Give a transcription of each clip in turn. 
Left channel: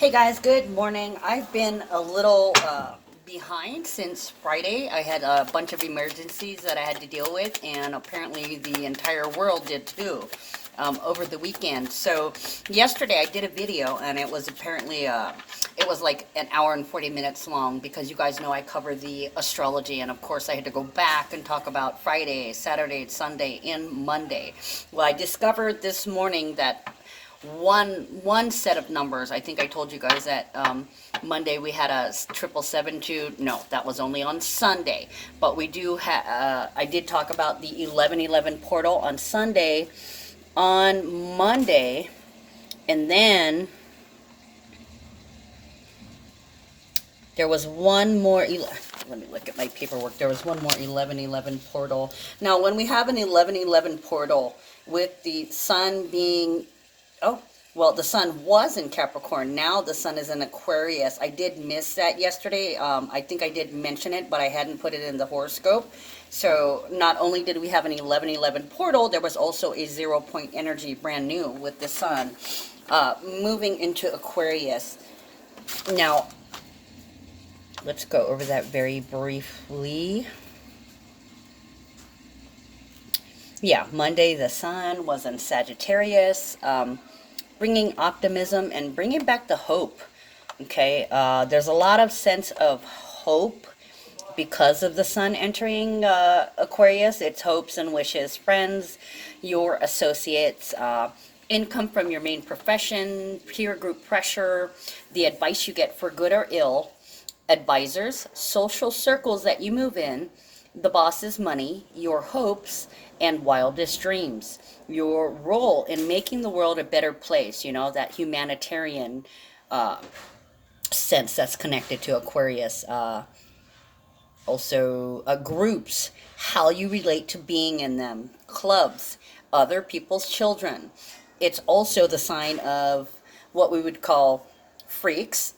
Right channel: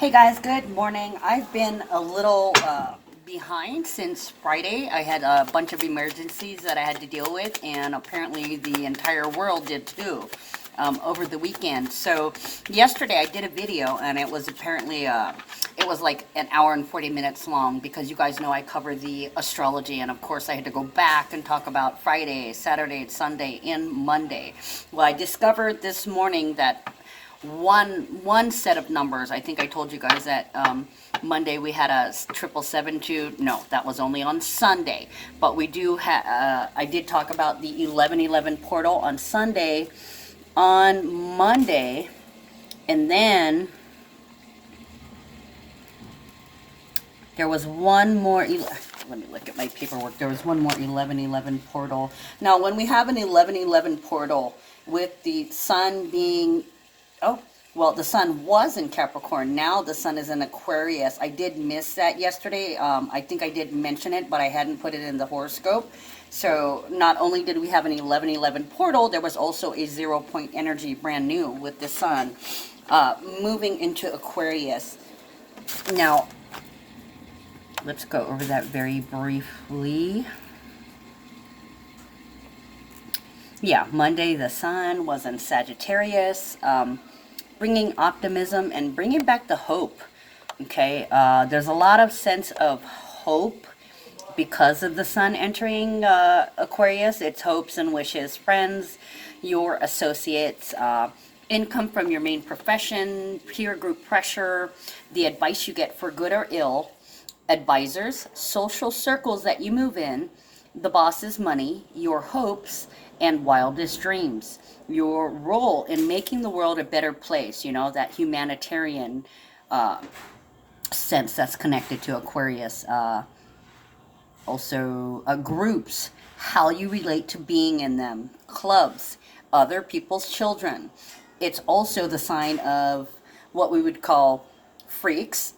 Hey guys, good morning. I've been a little behind since Friday. I had a bunch of emergencies that I had to deal with, and apparently the entire world did too over the weekend. So yesterday I did a video, and it was apparently it was like an hour and 40 minutes long because you guys know I cover the astrology, and of course I had to go back and talk about Friday, Saturday, Sunday, and Monday. Well, I discovered this morning that one set of numbers. I think I told you guys that Monday we had a 772. No, that was only on Sunday. But we do I did talk about the 1111 portal on Sunday. On Monday, and then there was one more. Let me look at my paperwork. There was one more 1111 portal. Now, when we have an 1111 portal with the sun being, oh, well, the sun was in Capricorn. Now the sun is in Aquarius. I did miss that yesterday. I think I did mention it, but I hadn't put it in the horoscope. So not only did we have an 1111 portal, there was also a 0 point energy, brand new, with the sun moving into Aquarius. Now, let's go over that very briefly. Yeah, Monday the sun was in Sagittarius, bringing optimism and bringing back the hope. Okay, there's a lot of sense of hope because of the sun entering Aquarius. It's hopes and wishes, friends, your associates, income from your main profession, peer group pressure, the advice you get for good or ill, advisors, social circles that you move in, the boss's money, your hopes, and wildest dreams. Your role in making the world a better place, that humanitarian sense that's connected to Aquarius. Also, groups, how you relate to being in them, clubs, other people's children. It's also the sign of what we would call freaks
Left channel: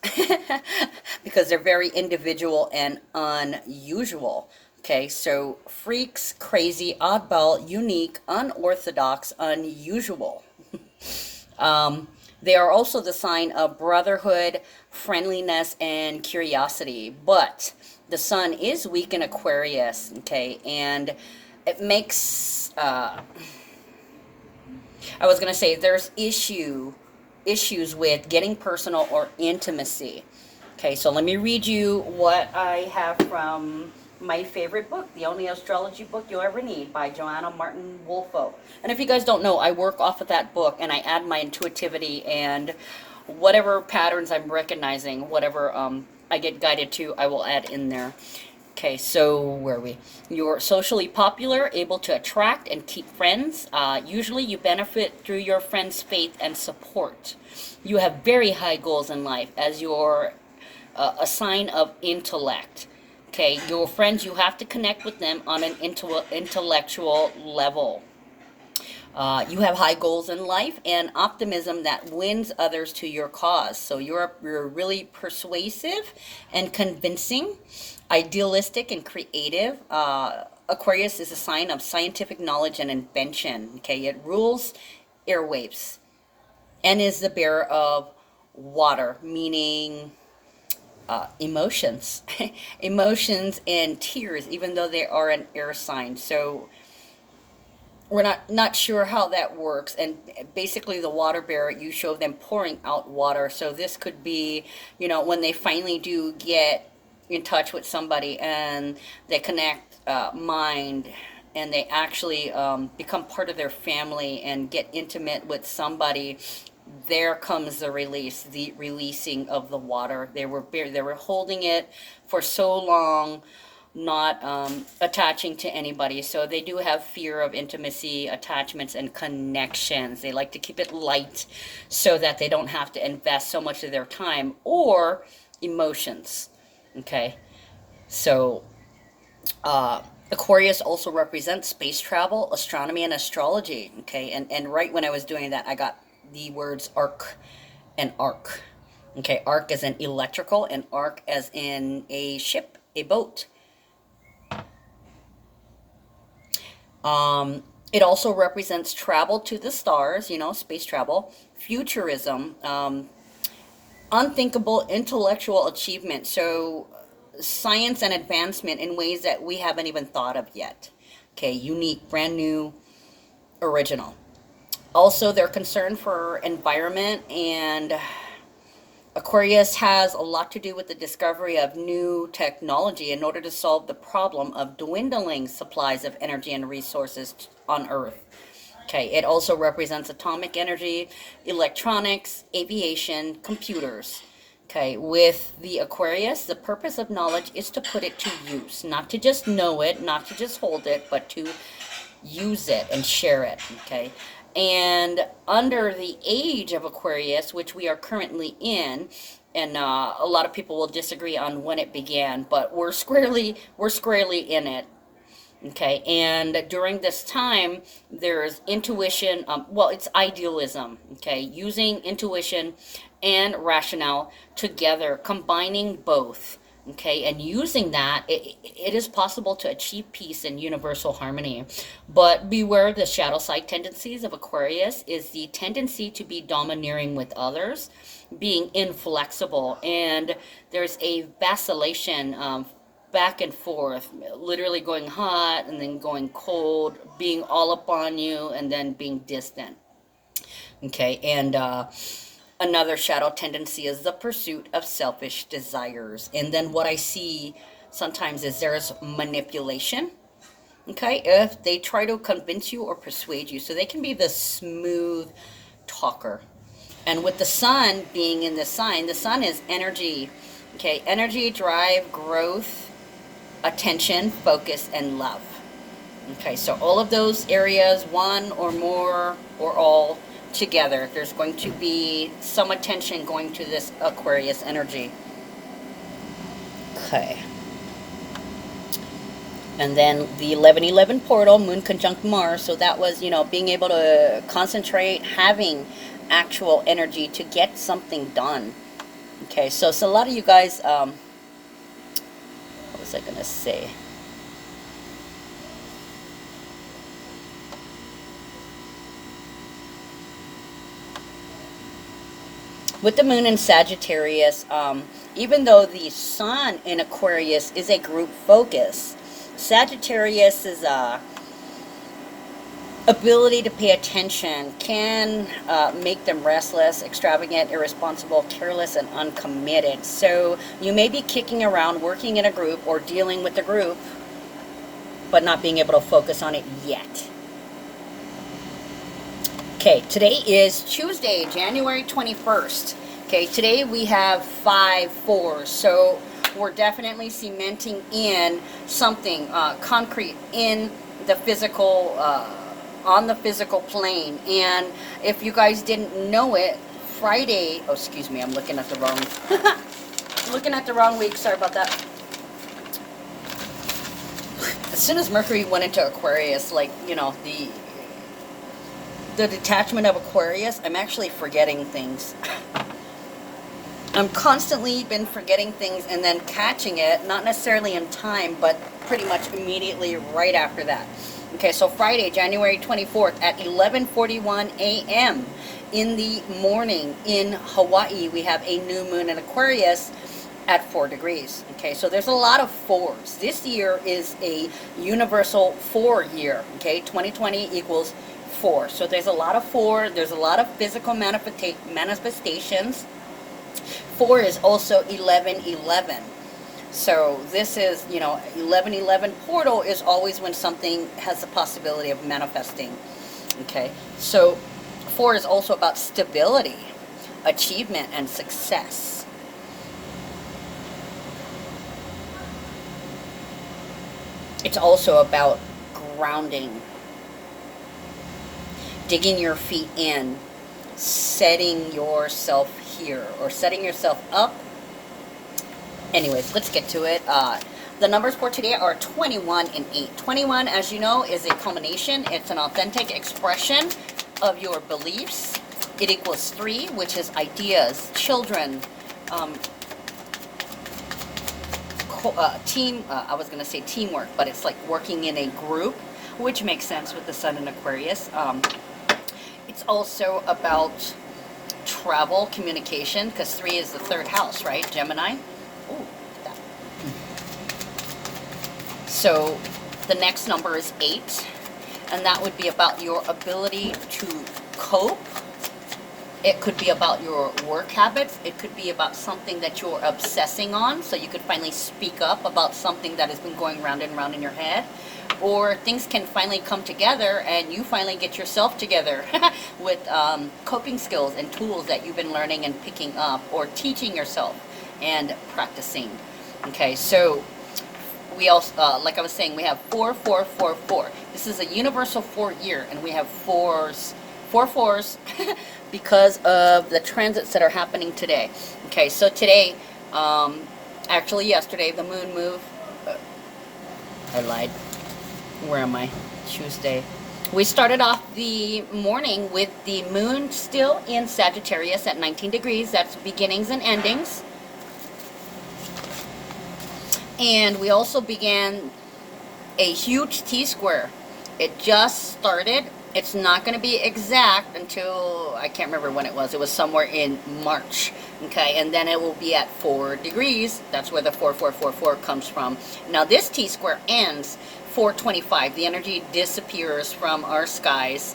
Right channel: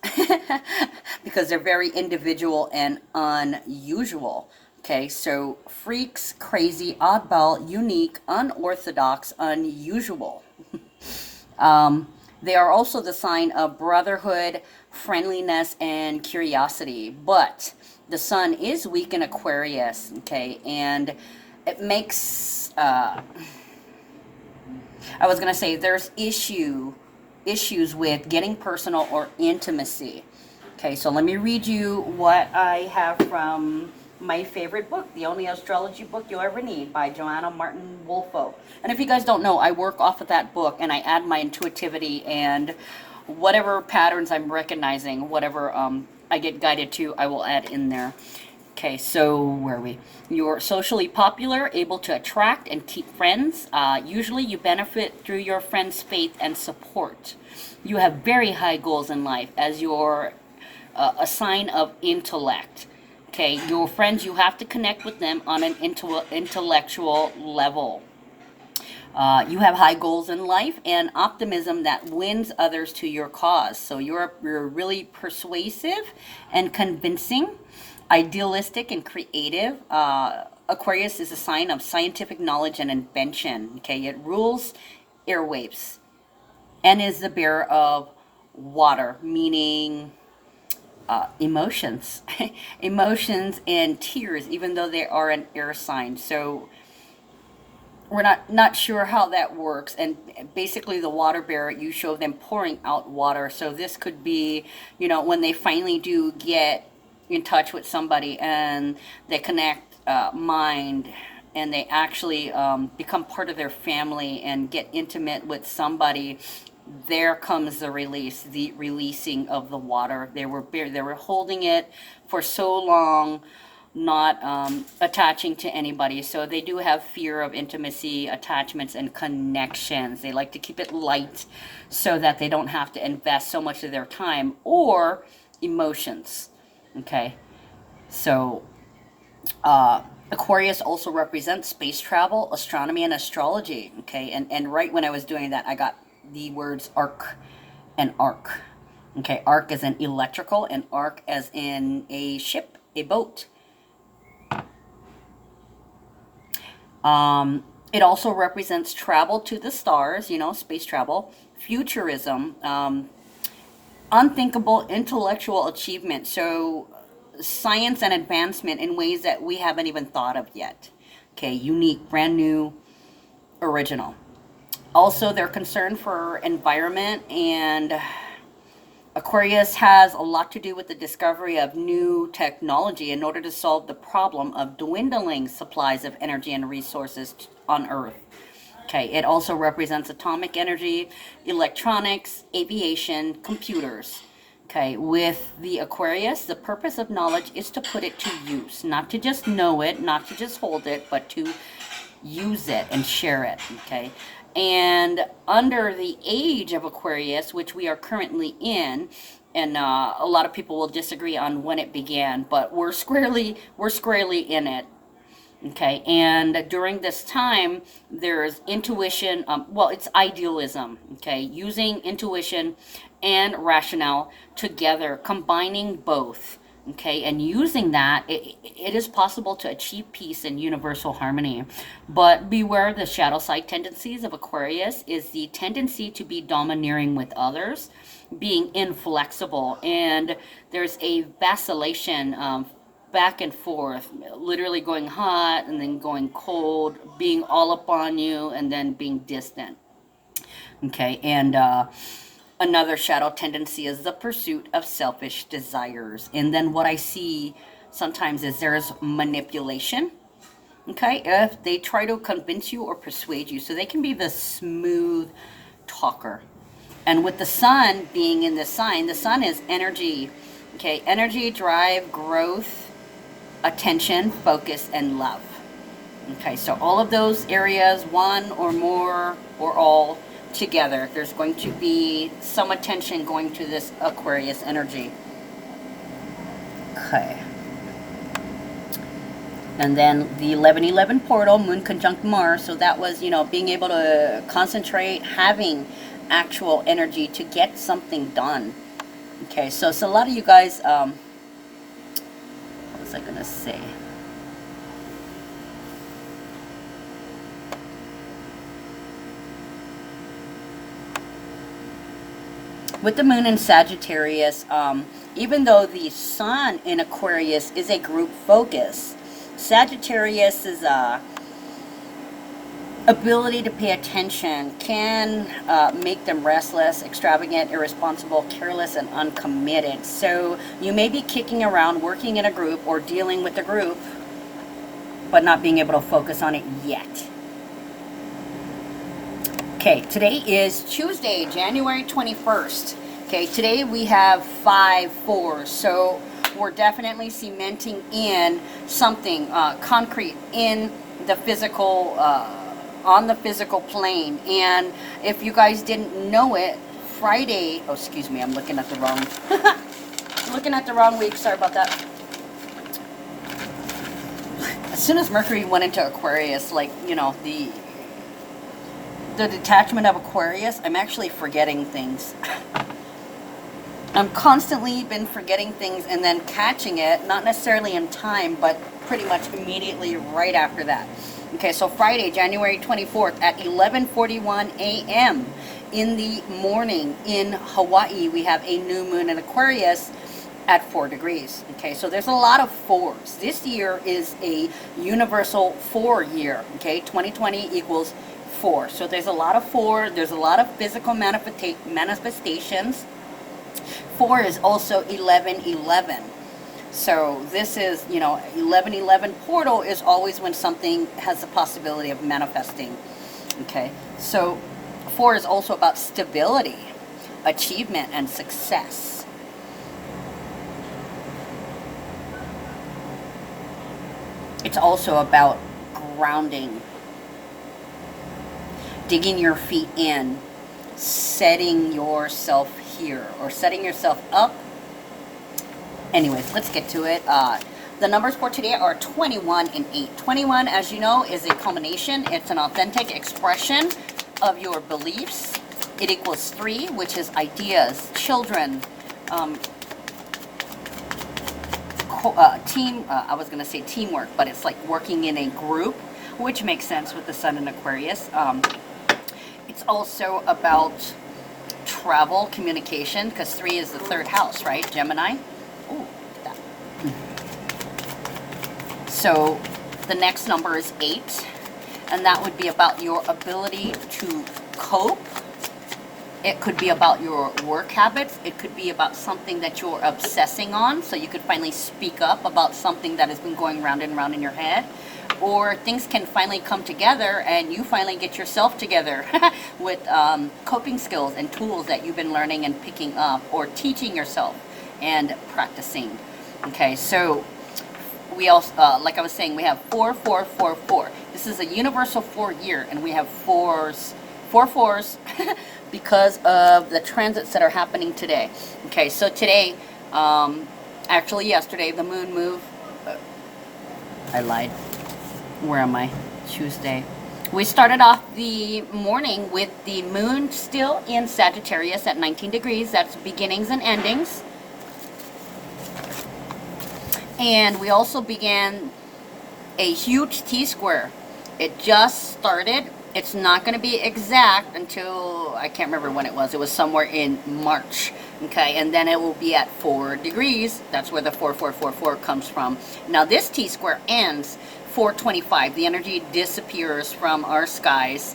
because they're very individual and unusual. Okay, so freaks, crazy, oddball, unique, unorthodox, unusual. They are also the sign of brotherhood, friendliness, and curiosity. But the sun is weak in Aquarius, okay, and it makes, I was going to say, there's issues with getting personal or intimacy. Okay, so let me read you what I have from my favorite book, the only astrology book you'll ever need, by Joanna Martin Wolfo. And if you guys don't know, I work off of that book and I add my intuitivity and whatever patterns I'm recognizing, whatever I get guided to, I will add in there. Okay, so where are we? You're socially popular, able to attract and keep friends. Usually you benefit through your friends' faith and support. You have very high goals in life as your a sign of intellect. Okay, your friends, you have to connect with them on an intellectual level. You have high goals in life and optimism that wins others to your cause. So you're really persuasive and convincing, idealistic and creative. Aquarius is a sign of scientific knowledge and invention. Okay, it rules airwaves and is the bearer of water, meaning emotions, emotions and tears, even though they are an air sign. So we're not sure how that works. And basically the water bearer, you show them pouring out water. So this could be, when they finally do get in touch with somebody and they connect mind and they actually become part of their family and get intimate with somebody, there comes the releasing of the water. They were holding it for so long, not attaching to anybody. So they do have fear of intimacy, attachments, and connections. They like to keep it light so that they don't have to invest so much of their time or emotions. Okay, so Aquarius also represents space travel, astronomy, and astrology. Okay, and right when I was doing that, I got the words arc and arc. Okay, arc as in electrical and arc as in a ship, a boat. It also represents travel to the stars, space travel, futurism, unthinkable intellectual achievement. So science and advancement in ways that we haven't even thought of yet. Okay, unique, brand new, original. Also, they're concerned for environment, and Aquarius has a lot to do with the discovery of new technology in order to solve the problem of dwindling supplies of energy and resources on Earth. Okay, it also represents atomic energy, electronics, aviation, computers. Okay, with the Aquarius, the purpose of knowledge is to put it to use, not to just know it, not to just hold it, but to use it and share it. Okay, and under the age of Aquarius, which we are currently in, and a lot of people will disagree on when it began, but we're squarely in it. Okay, and during this time, there's intuition, well, it's idealism, okay, using intuition and rationale together, combining both, okay, and using that, it is possible to achieve peace and universal harmony. But beware the shadow side tendencies of Aquarius is the tendency to be domineering with others, being inflexible, and there's a vacillation back and forth, literally going hot and then going cold, being all up on you and then being distant. Okay, and another shadow tendency is the pursuit of selfish desires. And then what I see sometimes is there's manipulation. Okay, if they try to convince you or persuade you, so they can be the smooth talker. And with the sun being in the sign, the sun is energy. Okay, energy, drive, growth, attention, focus, and love. Okay, so all of those areas, one or more or all together, there's going to be some attention going to this Aquarius energy. Okay. And then the 1111 portal, Moon conjunct Mars. So that was, being able to concentrate, having actual energy to get something done. Okay, so a lot of you guys, what was I going to say? With the moon in Sagittarius, even though the sun in Aquarius is a group focus, Sagittarius is ability to pay attention can make them restless, extravagant, irresponsible, careless, and uncommitted. So you may be kicking around, working in a group or dealing with a group, but not being able to focus on it yet. Okay, today is Tuesday, January 21st. Okay, today we have 5-4, so we're definitely cementing in something concrete in the physical, on the physical plane. And if you guys didn't know it, Friday, oh, excuse me, I'm looking at the wrong, looking at the wrong week, sorry about that. As soon as Mercury went into Aquarius, the detachment of Aquarius, I'm actually forgetting things. I'm constantly been forgetting things and then catching it, not necessarily in time, but pretty much immediately right after that. Okay, so Friday, January 24th at 11:41 a.m. in the morning in Hawaii, we have a new moon in Aquarius at 4 degrees. Okay, so there's a lot of fours. This year is a universal 4 year. Okay, 2020 equals 4. So there's a lot of 4. There's a lot of physical manifestations. 4 is also 11:11. So this is, 11:11 portal is always when something has the possibility of manifesting. Okay, so 4 is also about stability, achievement, and success. It's also about grounding, digging your feet in, setting yourself here, or setting yourself up. Anyways, let's get to it. The numbers for today are 21 and 8. 21, as you know, is a culmination. It's an authentic expression of your beliefs. It equals 3, which is ideas, children, team. I was going to say teamwork, but it's like working in a group, which makes sense with the sun in Aquarius. It's also about travel, communication, because 3 is the 3rd house, right? Gemini. Ooh, look at that. So the next number is 8, and that would be about your ability to cope. It could be about your work habits. It could be about something that you're obsessing on, so you could finally speak up about something that has been going round and round in your head. Or things can finally come together and you finally get yourself together with coping skills and tools that you've been learning and picking up or teaching yourself and practicing. Okay, so we also, like I was saying, we have 4, 4, 4, 4. This is a universal 4 year, and we have 4s, 4 4s, because of the transits that are happening today. Okay, so today, actually yesterday, the moon moved. I lied. Where am I? Tuesday. We started off the morning with the moon still in Sagittarius at 19 degrees. That's beginnings and endings. And we also began a huge T-square. It just started. It's not going to be exact until, I can't remember when it was. It was somewhere in March. Okay, and then it will be at 4 degrees. That's where the 4444 comes from. Now this T-square ends 4:25. The energy disappears from our skies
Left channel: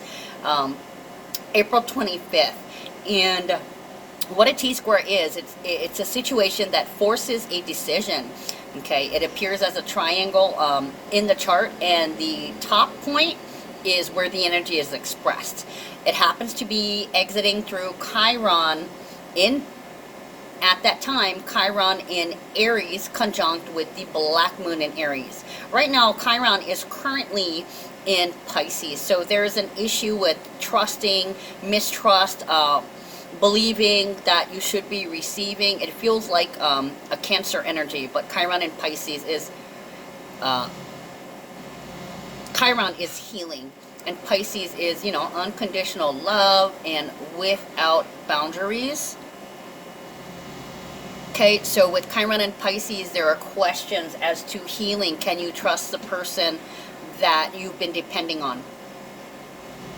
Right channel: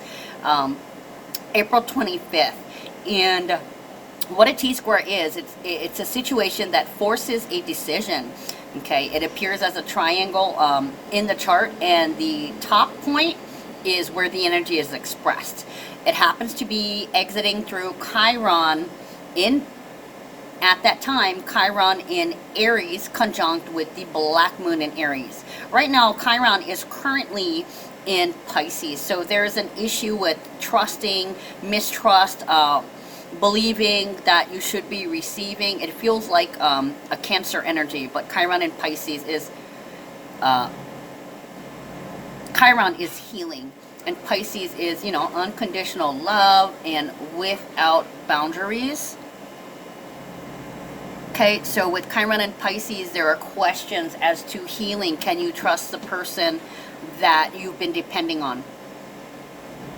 April 25th. And what a T-square is, it's a situation that forces a decision. Okay, it appears as a triangle in the chart, and the top point is where the energy is expressed. It happens to be exiting through Chiron at that time, Chiron in Aries conjunct with the black moon in Aries. Right now, Chiron is currently in Pisces, so there's an issue with trusting, mistrust, believing that you should be receiving. It feels like a Cancer energy, but Chiron in Pisces is Chiron is healing, and Pisces is, you know, unconditional love and without boundaries. Okay, so with Chiron and Pisces, there are questions as to healing. Can you trust the person that you've been depending on?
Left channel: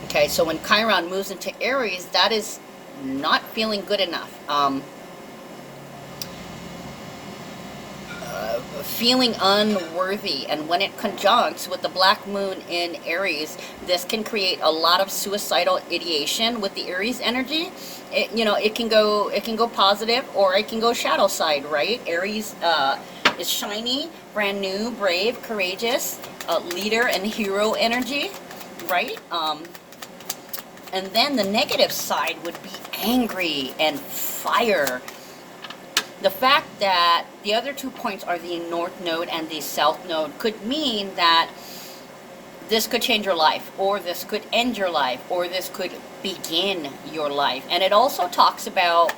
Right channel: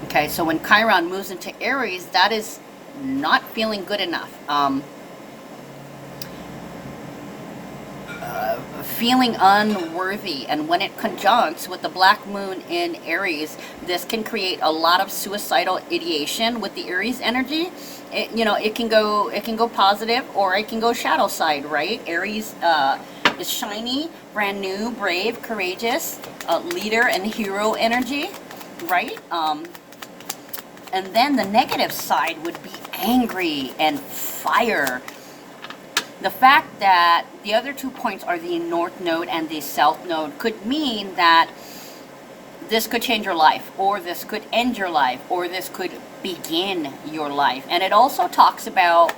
Okay, so when Chiron moves into Aries, that is not feeling good enough. Feeling unworthy, and when it conjuncts with the black moon in Aries, this can create a lot of suicidal ideation with the Aries energy. It can go positive, or it can go shadow side, right? Aries is shiny, brand new, brave, courageous, leader and hero energy, right? And then the negative side would be angry and fire. The fact that the other 2 points are the North Node and the South Node could mean that this could change your life, or this could end your life, or this could begin your life. And it also talks about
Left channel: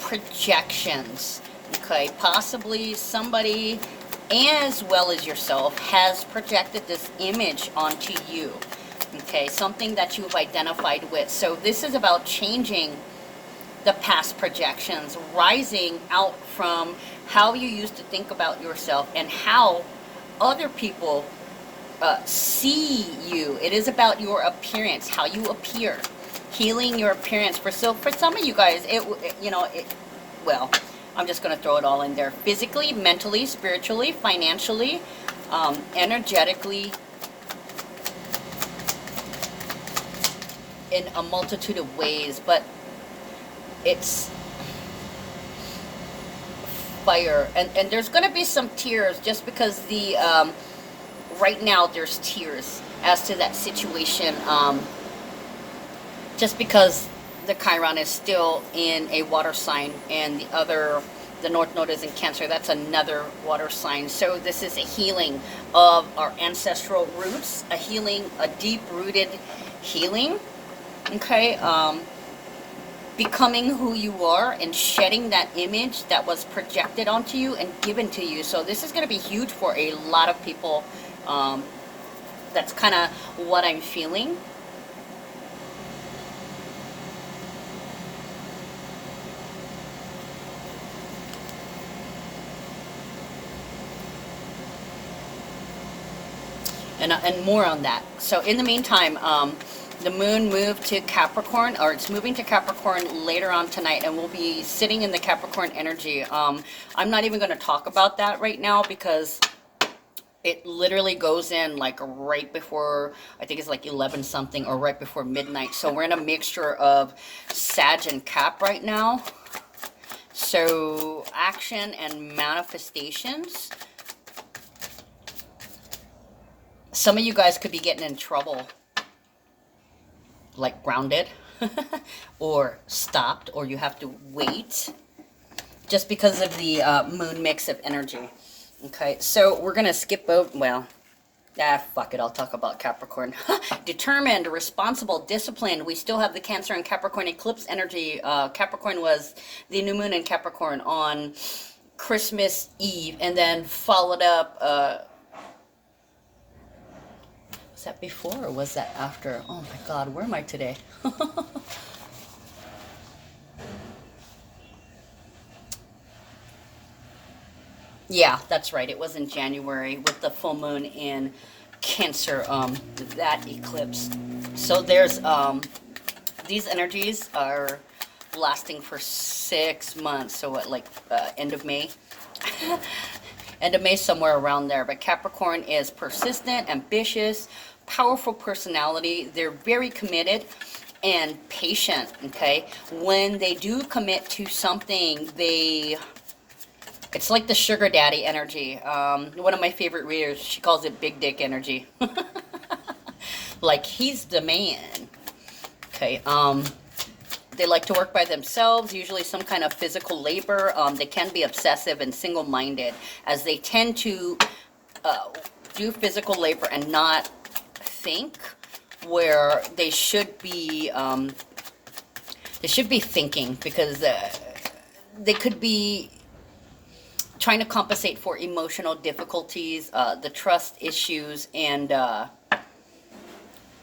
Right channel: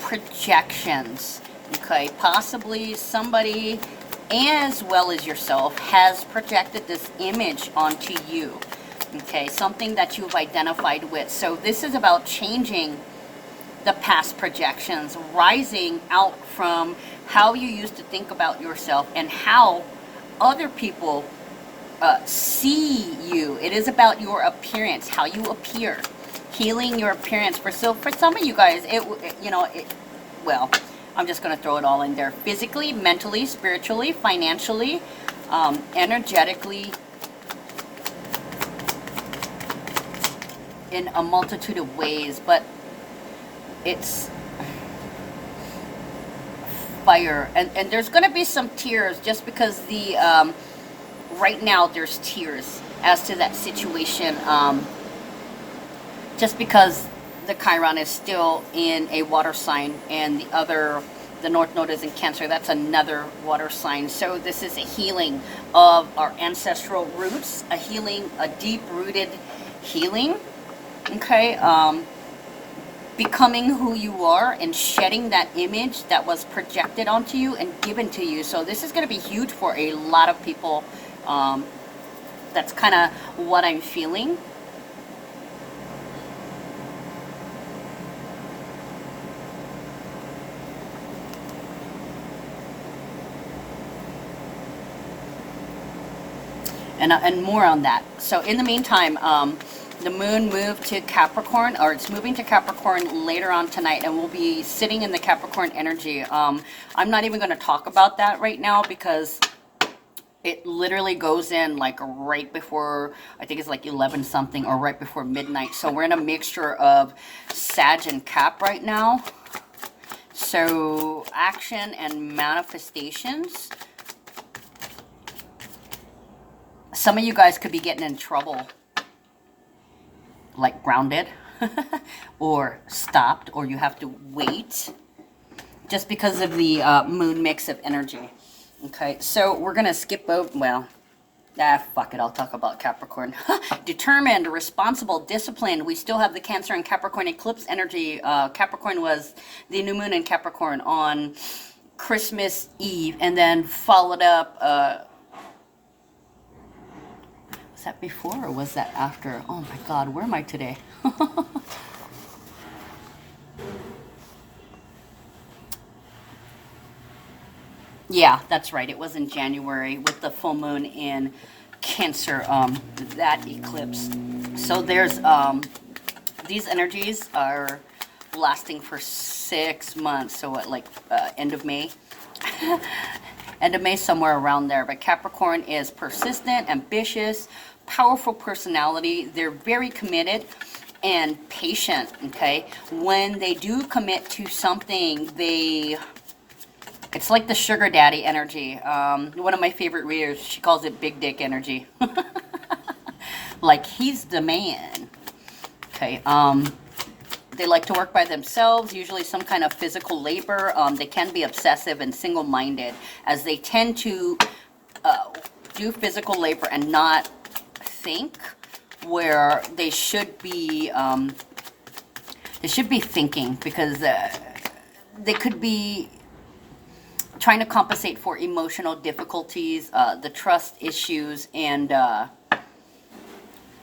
projections. Okay, possibly somebody as well as yourself has projected this image onto you. Okay, something that you've identified with. So this is about changing the past projections, rising out from how you used to think about yourself and how other people see you. It is about your appearance, how you appear, healing your appearance. For some of you guys, well, I'm just going to throw it all in there. Physically, mentally, spiritually, financially, energetically, in a multitude of ways, but it's fire, and there's going to be some tears, just because the right now there's tears as to that situation, just because the Chiron is still in a water sign, and the North Node is in Cancer. That's another water sign. So this is a healing of our ancestral roots, a deep-rooted healing. Okay, becoming who you are and shedding that image that was projected onto you and given to you. So this is going to be huge for a lot of people. That's kind of what I'm feeling. And more on that. So in the meantime, The moon moved to Capricorn, or it's moving to Capricorn later on tonight, and we'll be sitting in the Capricorn energy. I'm not even going to talk about that right now because it literally goes in like right before, I think it's like 11 something, or right before midnight. So we're in a mixture of Sag and Cap right now. So action and manifestations. Some of you guys could be getting in trouble, like grounded or stopped, or you have to wait just because of the moon mix of energy. Okay, so we're gonna skip over, well, fuck it, I'll talk about Capricorn. Determined, responsible, disciplined. We still have the Cancer and Capricorn eclipse energy. Capricorn was the new moon in Capricorn on Christmas Eve, and then followed up, was that before or was that after? Oh my God, where am I today? Yeah, that's right. It was in January with the full moon in Cancer, that eclipse. So there's, these energies are lasting for 6 months. So what, like, end of May? End of May, somewhere around there. But Capricorn is persistent, ambitious, powerful personality. They're very committed and patient, okay? When they do commit to something, it's like the sugar daddy energy. One of my favorite readers, she calls it big dick energy. Like, he's the man. Okay, they like to work by themselves, usually some kind of physical labor. They can be obsessive and single-minded, as they tend to do physical labor and not think, where they should be thinking, because they could be trying to compensate for emotional difficulties, the trust issues, and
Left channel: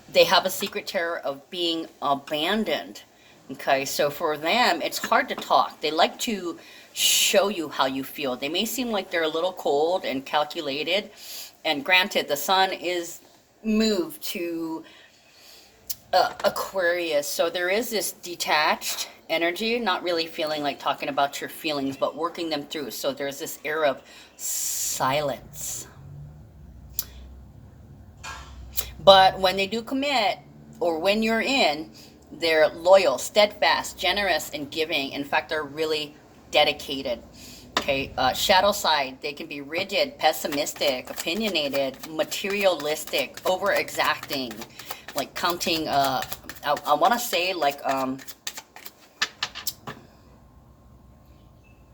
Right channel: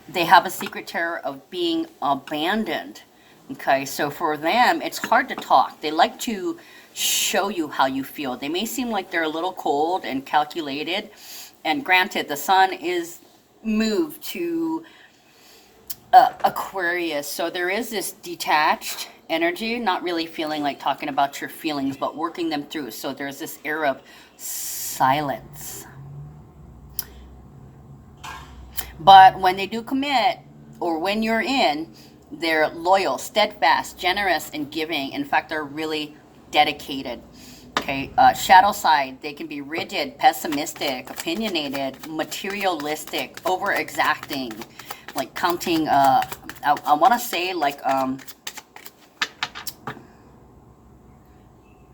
they have a secret terror of being abandoned. Okay, so for them, it's hard to talk. They like to show you how you feel. They may seem like they're a little cold and calculated, and granted, the sun is moved to Aquarius, so there is this detached energy, not really feeling like talking about your feelings, but working them through. So there's this air of silence. But when they do commit, or when you're in, they're loyal, steadfast, generous, and giving. In fact, they're really dedicated. Okay, shadow side, they can be rigid, pessimistic, opinionated, materialistic, over exacting, like counting, I want to say like,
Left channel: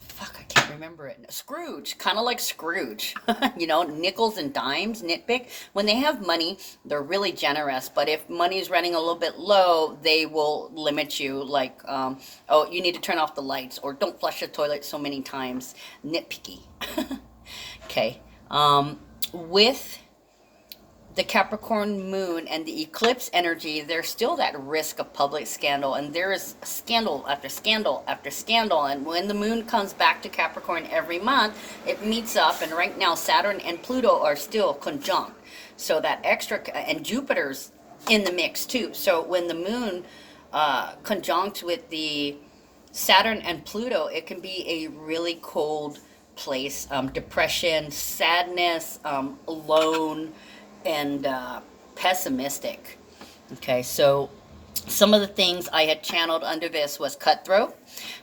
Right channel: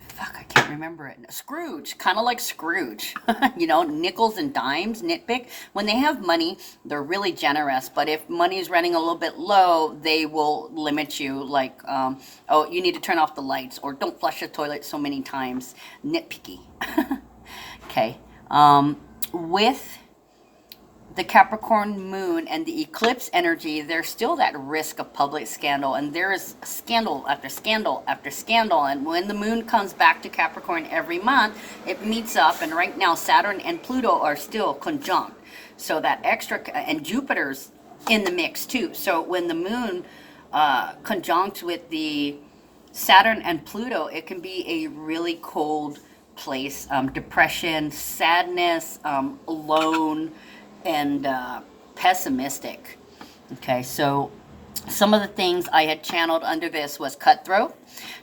fuck, I can't remember it. Scrooge, kind of like Scrooge, you know, nickels and dimes, nitpick. When they have money, they're really generous, but if money is running a little bit low, they will limit you, like, oh, you need to turn off the lights, or don't flush the toilet so many times. Nitpicky. Okay, with the Capricorn moon and the eclipse energy, there's still that risk of public scandal, and there is scandal after scandal after scandal. And when the moon comes back to Capricorn every month, it meets up, and right now Saturn and Pluto are still conjunct, so that extra, and Jupiter's in the mix too. So when the moon conjunct with the Saturn and Pluto, it can be a really cold place. Depression, sadness, alone, and pessimistic. Okay, so some of the things I had channeled under this was cutthroat,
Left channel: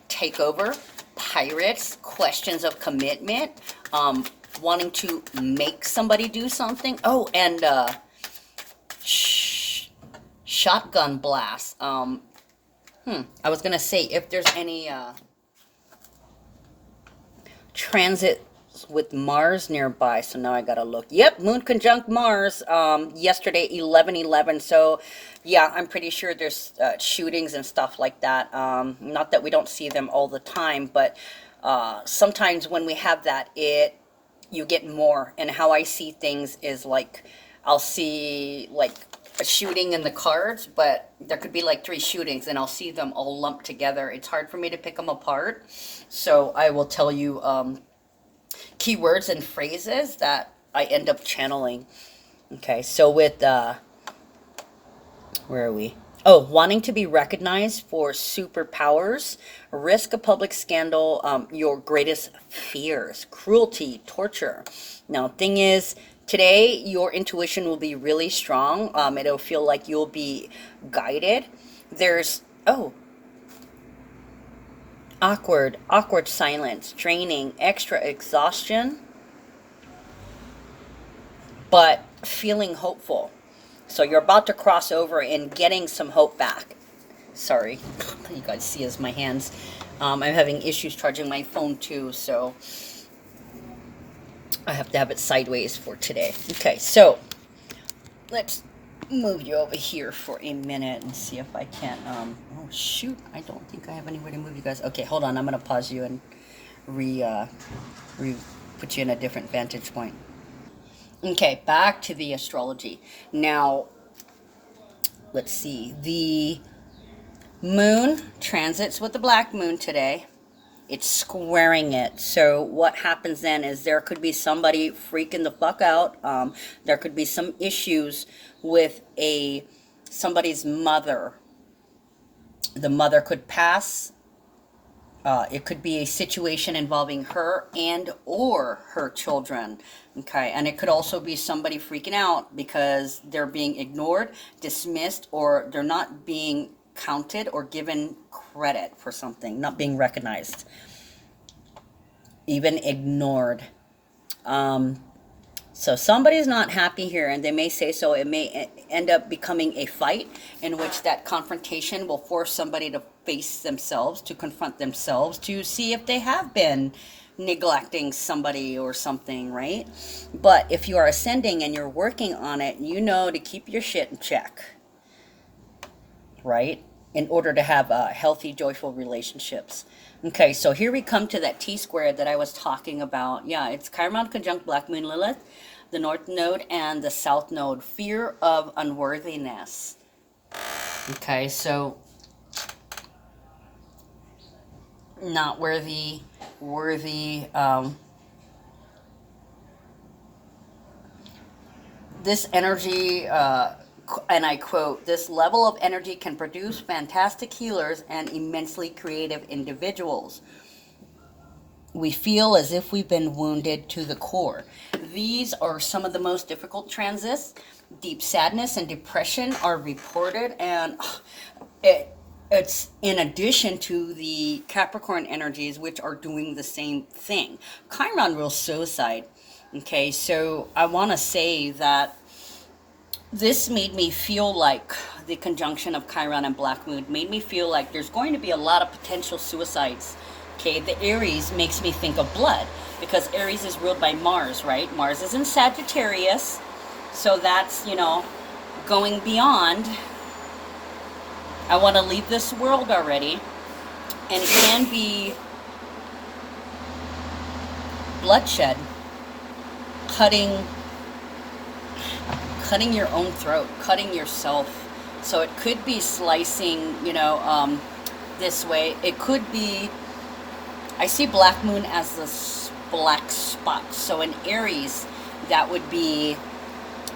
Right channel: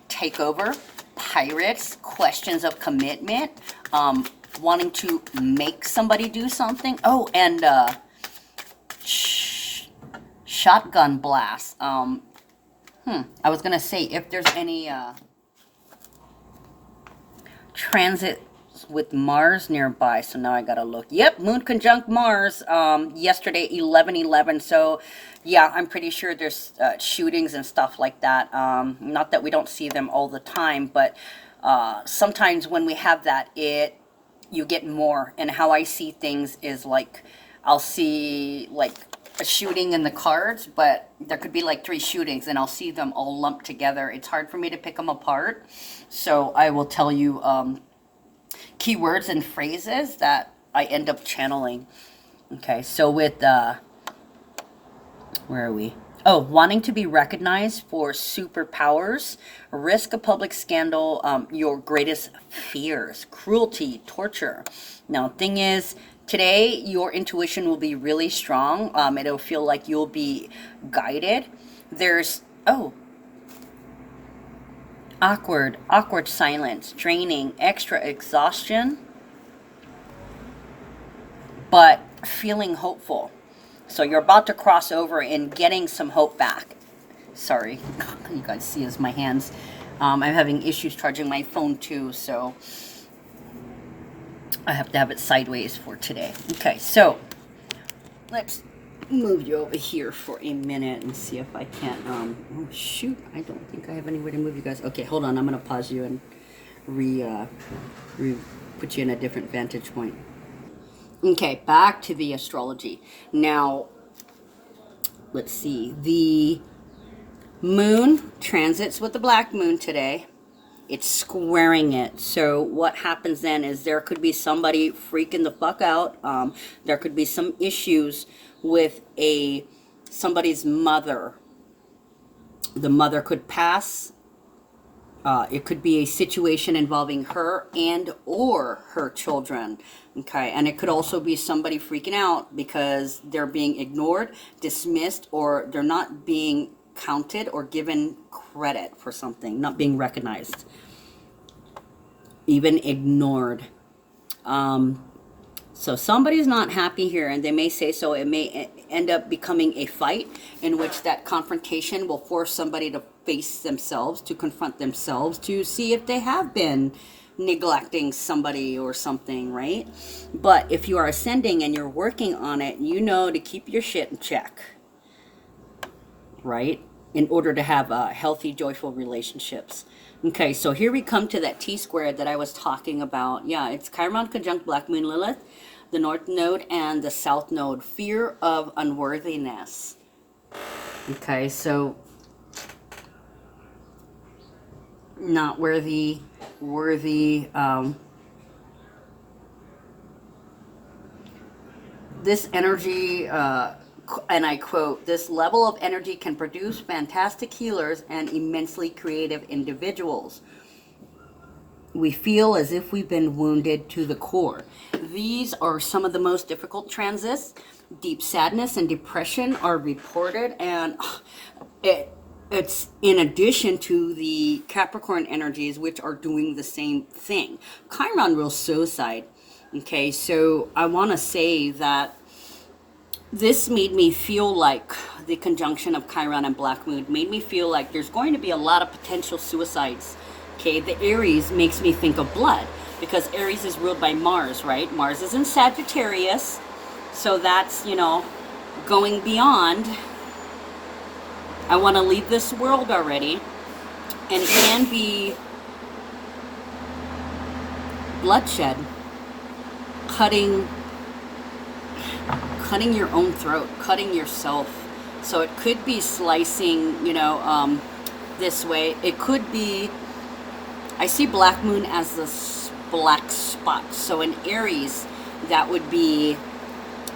takeover, pirates, questions of commitment, wanting to make somebody do something. Oh, and shotgun blast. I was gonna say, if there's any transit with Mars nearby, so now I gotta look. Yep, moon conjunct Mars yesterday, 11/11. So yeah, I'm pretty sure there's shootings and stuff like that. Not that we don't see them all the time, but sometimes when we have that, you get more. And how I see things is like, I'll see like a shooting in the cards, but there could be like 3 shootings, and I'll see them all lumped together. It's hard for me to pick them apart, so I will tell you keywords and phrases that I end up channeling. Okay, so with Where are we? Oh, wanting to be recognized for superpowers, risk a public scandal, your greatest fears, cruelty, torture. Now, thing is, today your intuition will be really strong. It'll feel like you'll be guided. There's, oh, awkward silence, draining, extra exhaustion, but feeling hopeful. So you're about to cross over and getting some hope back. Sorry, you guys see as my hands. I'm having issues charging my phone too, so I have to have it sideways for today. Okay, so let's move you over here for a minute and see if I can. Oh shoot, I don't think I have anywhere to move you guys. Okay, hold on. I'm gonna pause you and put you in a different vantage point. Okay, back to the astrology. Now, let's see. The moon transits with the black moon today. It's squaring it. So what happens then is there could be somebody freaking the fuck out. There could be some issues with somebody's mother. The mother could pass. It could be a situation involving her and or her children. Okay, and it could also be somebody freaking out because they're being ignored, dismissed, or they're not being counted or given credit for something, not being recognized, even ignored. So somebody's not happy here, and they may say so. It may end up becoming a fight in which that confrontation will force somebody to face themselves, to confront themselves, to see if they have been neglecting somebody or something, right? But if you are ascending and you're working on it, you know to keep your shit in check, right? In order to have healthy, joyful relationships. Okay, so here we come to that T-squared that I was talking about. Yeah, it's Chiron conjunct Black Moon Lilith, the North Node and the South Node. Fear of unworthiness. Okay, so not worthy, this energy, and I quote, this level of energy can produce fantastic healers and immensely creative individuals. We feel as if we've been wounded to the core. These are some of the most difficult transits. Deep sadness and depression are reported, and it's in addition to the Capricorn energies, which are doing the same thing. Chiron rules suicide. Okay, so I want to say that this made me feel like the conjunction of Chiron and Black Moon made me feel like there's going to be a lot of potential suicides. Okay, the Aries makes me think of blood because Aries is ruled by Mars, right? Mars is in Sagittarius, so that's, going beyond. I want to leave this world already, and it can be bloodshed, cutting your own throat, cutting yourself. So it could be slicing, this way. It could be, I see Black Moon as this black spot. So in Aries, that would be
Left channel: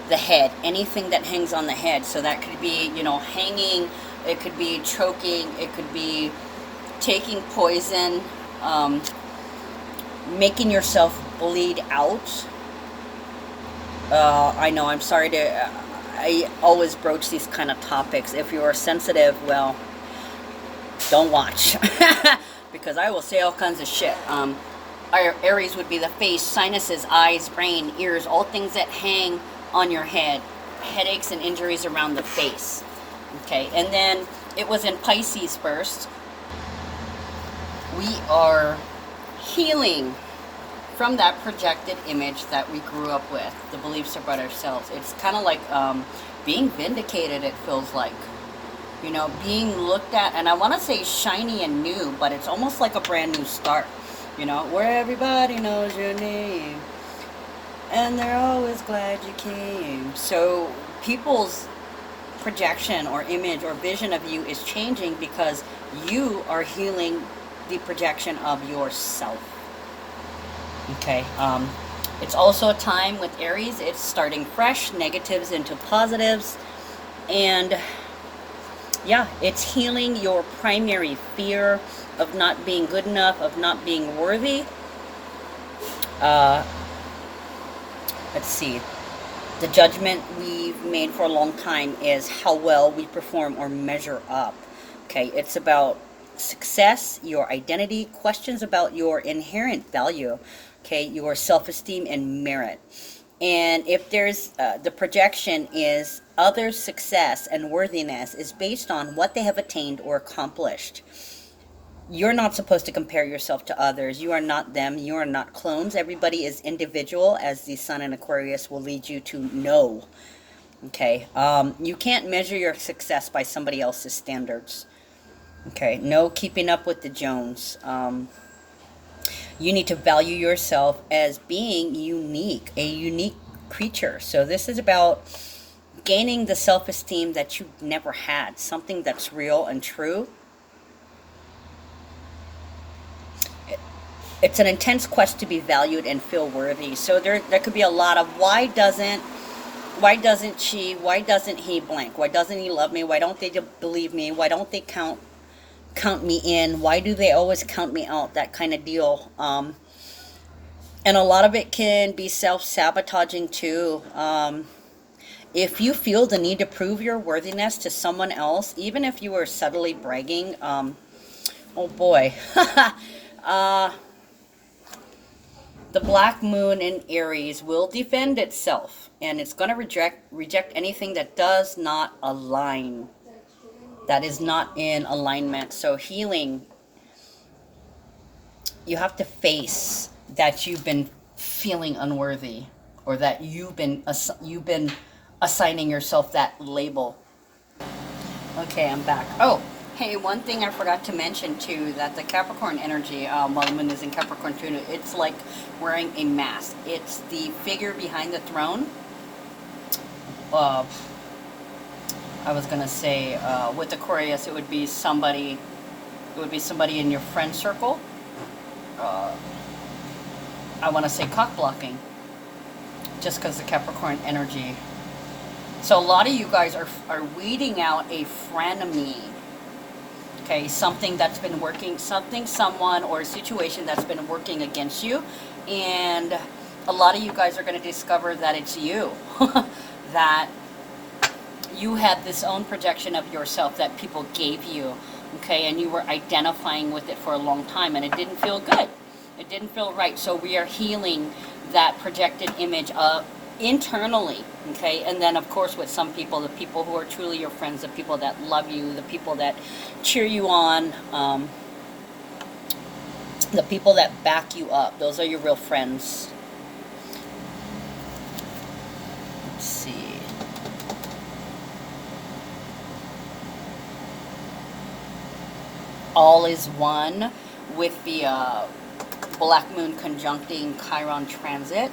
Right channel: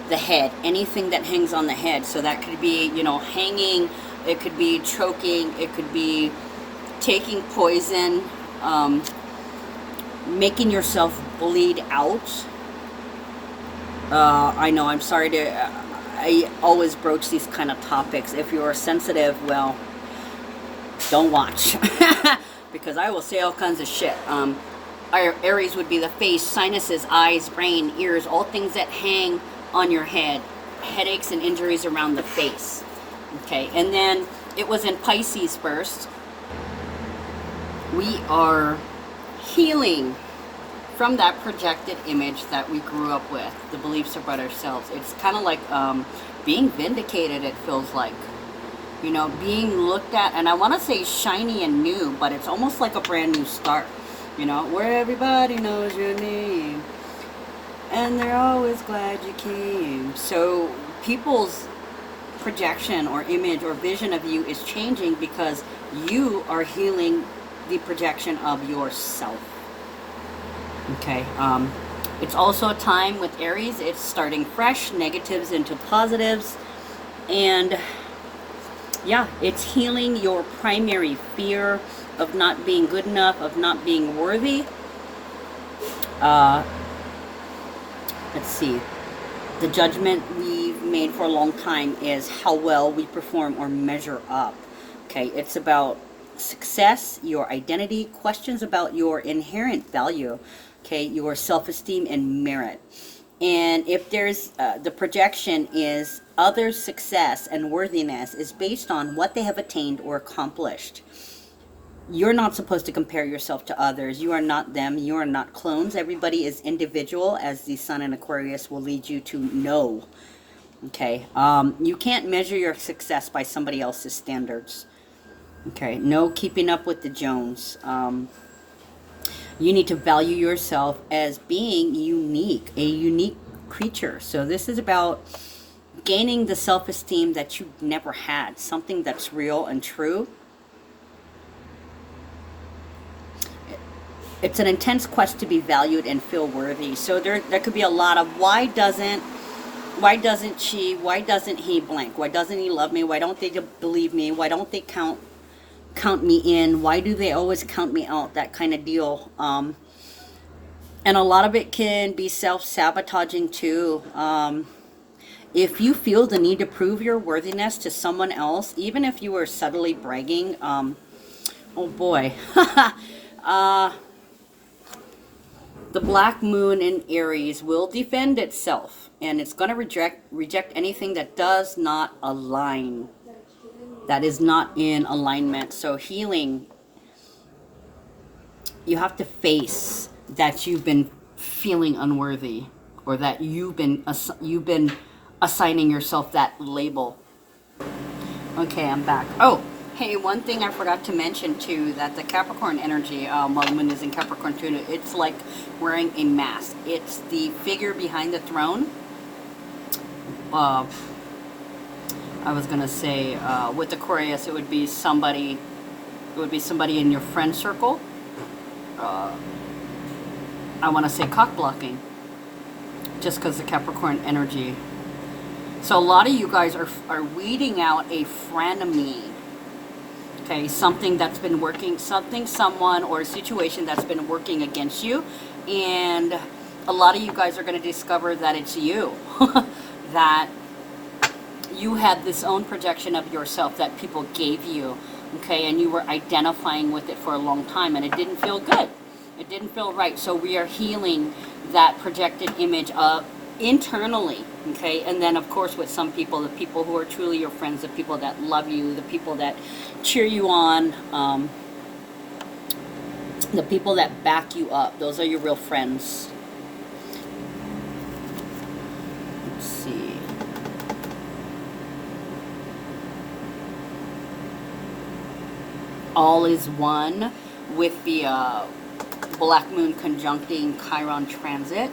the head, anything that hangs on the head. So that could be, hanging, it could be choking, it could be taking poison, making yourself bleed out. I know, I'm sorry I always broach these kind of topics. If you are sensitive, well, don't watch. Because I will say all kinds of shit. Aries would be the face, sinuses, eyes, brain, ears, all things that hang on your head. Headaches and injuries around the face. Okay, and then it was in Pisces first. We are healing from that projected image that we grew up with, the beliefs about ourselves. It's kind of like being vindicated, it feels like. Being looked at, and I want to say shiny and new, but it's almost like a brand new start. Where everybody knows your name, and they're always glad you came. So people's projection or image or vision of you is changing because you are healing the projection of yourself. Okay, it's also a time with Aries, it's starting fresh, negatives into positives, and Yeah, it's healing your primary fear of not being good enough, of not being worthy. Uh, let's see. The judgment we've made for a long time is how well we perform or measure up. Okay, it's about success, your identity, questions about your inherent value, okay, your self-esteem and merit. And if there's the projection is others' success and worthiness is based on what they have attained or accomplished. You're not supposed to compare yourself to others. You are not them. You are not clones. Everybody is individual, as the Sun in Aquarius will lead you to know. Okay. You can't measure your success by somebody else's standards. Okay. No keeping up with the Jones. You need to value yourself as being unique, a unique creature. So this is about gaining the self-esteem that you've never had, something that's real and true. It's an intense quest to be valued and feel worthy. So there could be a lot of why doesn't she, why doesn't he blank? Why doesn't he love me? Why don't they believe me? Why don't they count me in? Why do they always count me out? That kind of deal. And a lot of it can be self-sabotaging too. If you feel the need to prove your worthiness to someone else, even if you are subtly bragging, oh boy. The black moon in Aries will defend itself, and it's going to reject anything that does not align, that is not in alignment. So healing, you have to face that you've been feeling unworthy, or that you've been assigning yourself that label. Okay, I'm back. Oh, hey, one thing I forgot to mention too, that the Capricorn energy, while the moon is in Capricorn too, it's like wearing a mask. It's the figure behind the throne. I was gonna say, with Aquarius, it would be somebody in your friend circle. I want to say cock blocking, just because the Capricorn energy. So a lot of you guys are weeding out a frenemy. Okay, something that's been working, someone, or a situation that's been working against you. And a lot of you guys are going to discover that it's you. That you had this own projection of yourself that people gave you. Okay, and you were identifying with it for a long time, and it didn't feel good. It didn't feel right. So we are healing that projected image internally. Okay, and then of course with some people, the people who are truly your friends, the people that love you, the people that cheer you on, the people that back you up, those are your real friends. Let's see. All is one with the Black Moon conjuncting Chiron transit.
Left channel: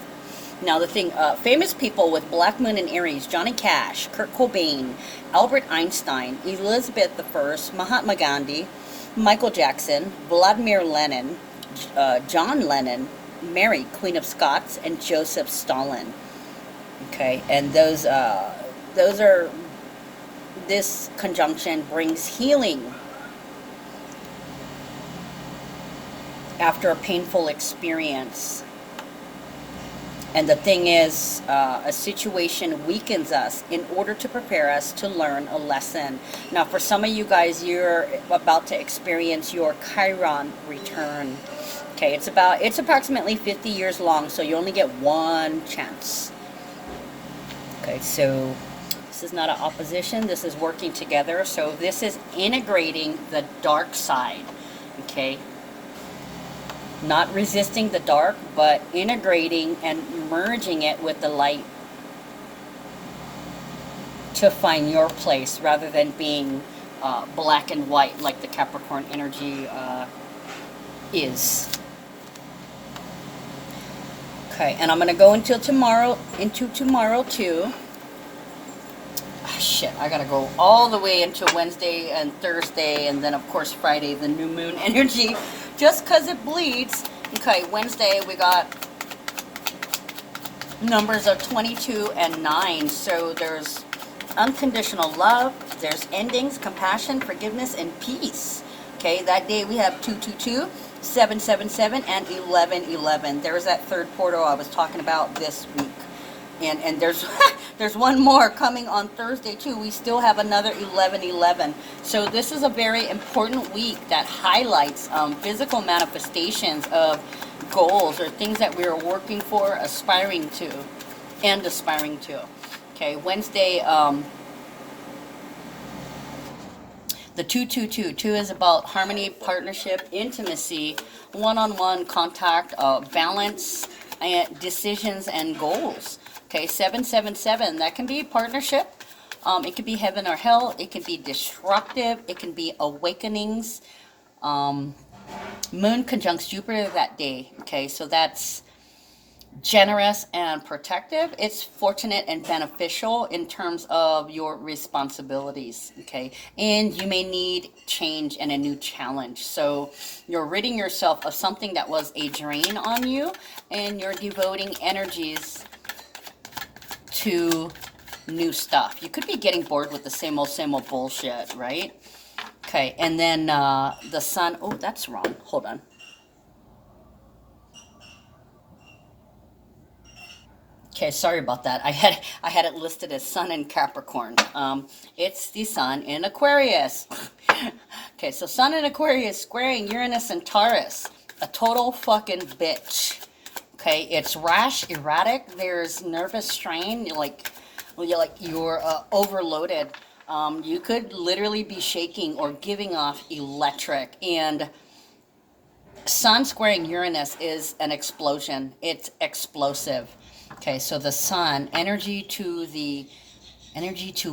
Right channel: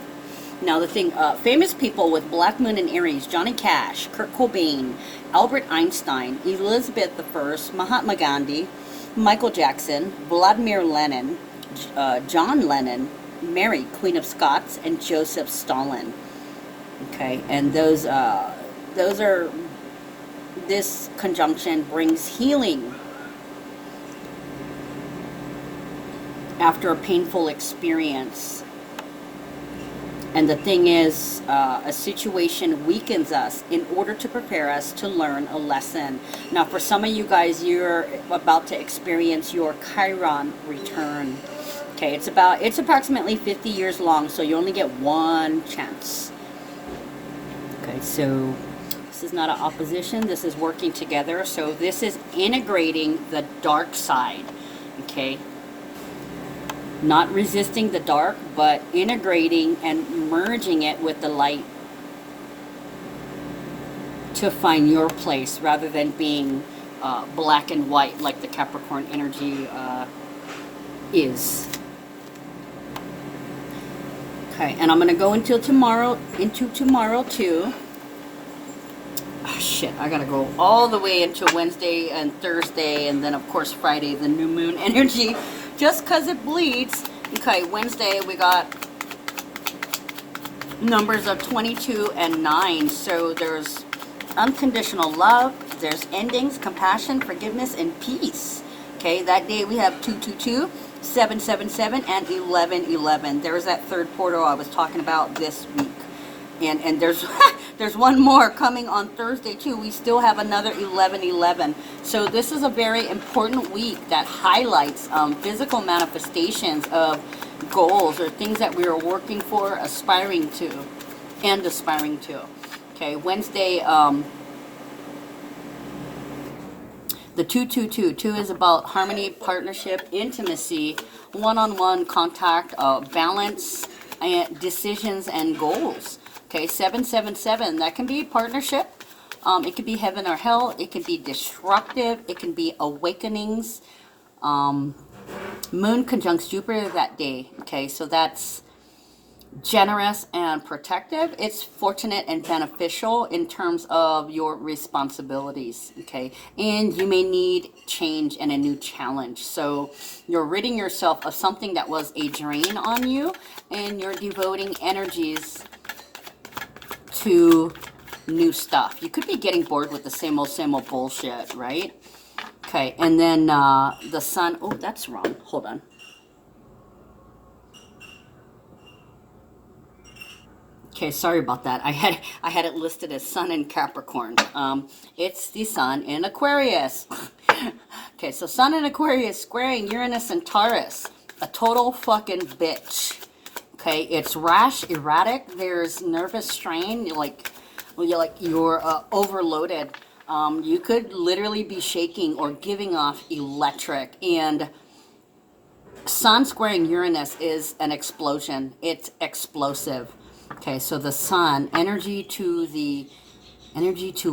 Now the thing, famous people with Black Moon in Aries: Johnny Cash, Kurt Cobain, Albert Einstein, Elizabeth I, Mahatma Gandhi, Michael Jackson, Vladimir Lenin, John Lennon, Mary, Queen of Scots, and Joseph Stalin. Okay, and those are, this conjunction brings healing after a painful experience. And the thing is, a situation weakens us in order to prepare us to learn a lesson. Now, for some of you guys, you're about to experience your Chiron return. Okay, it's approximately 50 years long, so you only get one chance. Okay, so this is not an opposition. This is working together. So this is integrating the dark side. Okay. Not resisting the dark, but integrating and merging it with the light to find your place, rather than being black and white like the Capricorn energy is. Okay, and I'm going to go into tomorrow too. Oh, shit, I got to go all the way into Wednesday and Thursday, and then of course Friday, the new moon energy. Just because it bleeds. Okay, Wednesday we got numbers of 22 and 9. So there's unconditional love, There's endings, compassion, forgiveness, and peace. Okay, that day we have 222, 777, and 1111. There's that third portal I was talking about this week. And there's there's one more coming on Thursday too. We still have another 1111. So this is a very important week that highlights physical manifestations of goals or things that we are working for, aspiring to. Okay, Wednesday, the 222 is about harmony, partnership, intimacy, one-on-one contact, balance, and decisions and goals. Okay, 777, that can be partnership. It can be heaven or hell. It can be disruptive. It can be awakenings. Moon conjuncts Jupiter that day. Okay, so that's generous and protective. It's fortunate and beneficial in terms of your responsibilities. Okay, and you may need change and a new challenge. So you're ridding yourself of something that was a drain on you, and you're devoting energies to new stuff. You could be getting bored with the same old bullshit, right? Okay, and then the sun. Oh, that's wrong. Hold on. Okay, sorry about that. I had it listed as Sun in Capricorn. It's the Sun in Aquarius. Okay, so Sun in Aquarius squaring Uranus and Taurus. A total fucking bitch. Okay, it's rash, erratic. There's nervous strain. You're overloaded. You could literally be shaking or giving off electric. And Sun squaring Uranus is an explosion. It's explosive. Okay, so the Sun, energy to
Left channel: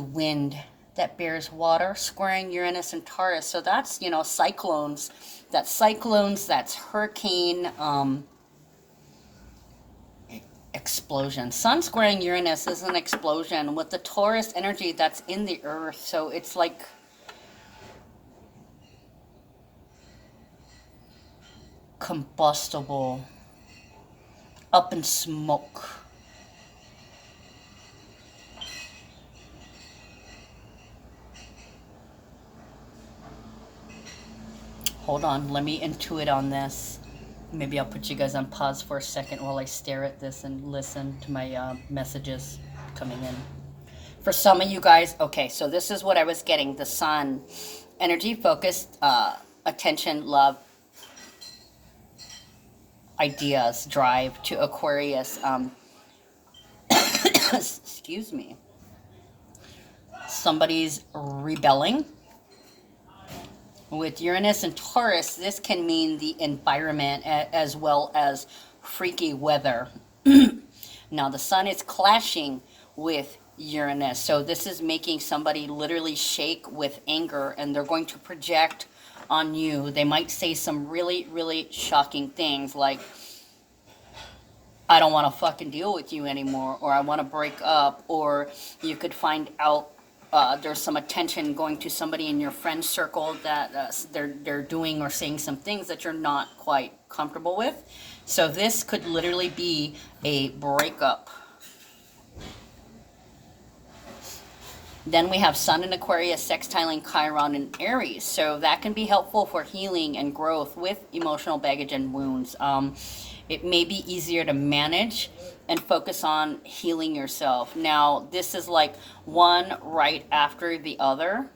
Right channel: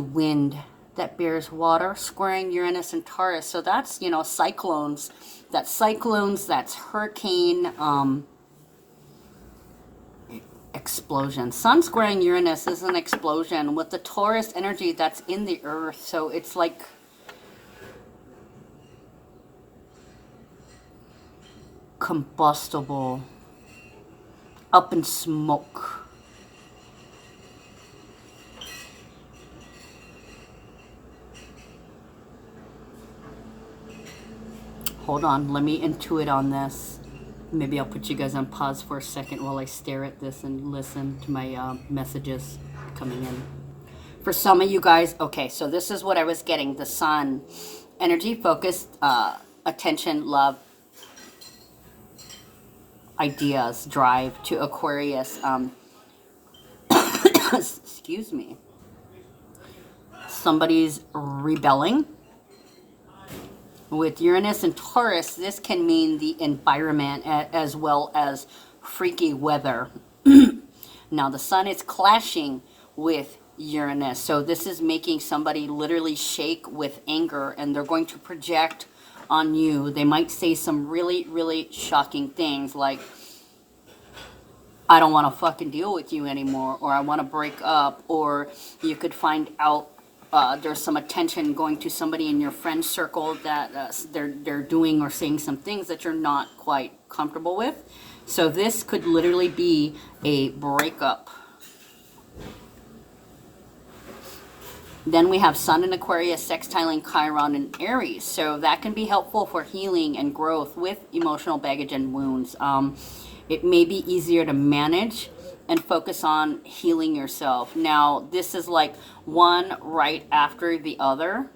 wind that bears water, squaring Uranus and Taurus. So that's, cyclones. That's hurricane, explosion. Sun squaring Uranus is an explosion with the Taurus energy that's in the earth. So it's like combustible, up in smoke. Hold on, let me intuit on this. Maybe I'll put you guys on pause for a second while I stare at this and listen to my messages coming in. For some of you guys, okay, so this is what I was getting. The Sun, energy, focused, attention, love, ideas, drive to Aquarius. Excuse me. Somebody's rebelling. With Uranus and Taurus, this can mean the environment as well as freaky weather. Now, the Sun is clashing with Uranus. So this is making somebody literally shake with anger, and they're going to project on you. They might say some really, really shocking things like, I don't want to fucking deal with you anymore, or I want to break up, or you could find out there's some attention going to somebody in your friend circle that they're doing or saying some things that you're not quite comfortable with. So this could literally be a breakup. Then we have Sun in Aquarius sextiling Chiron in Aries. So that can be helpful for healing and growth with emotional baggage and wounds. It may be easier to manage and focus on healing yourself. Now, this is like one right after the other.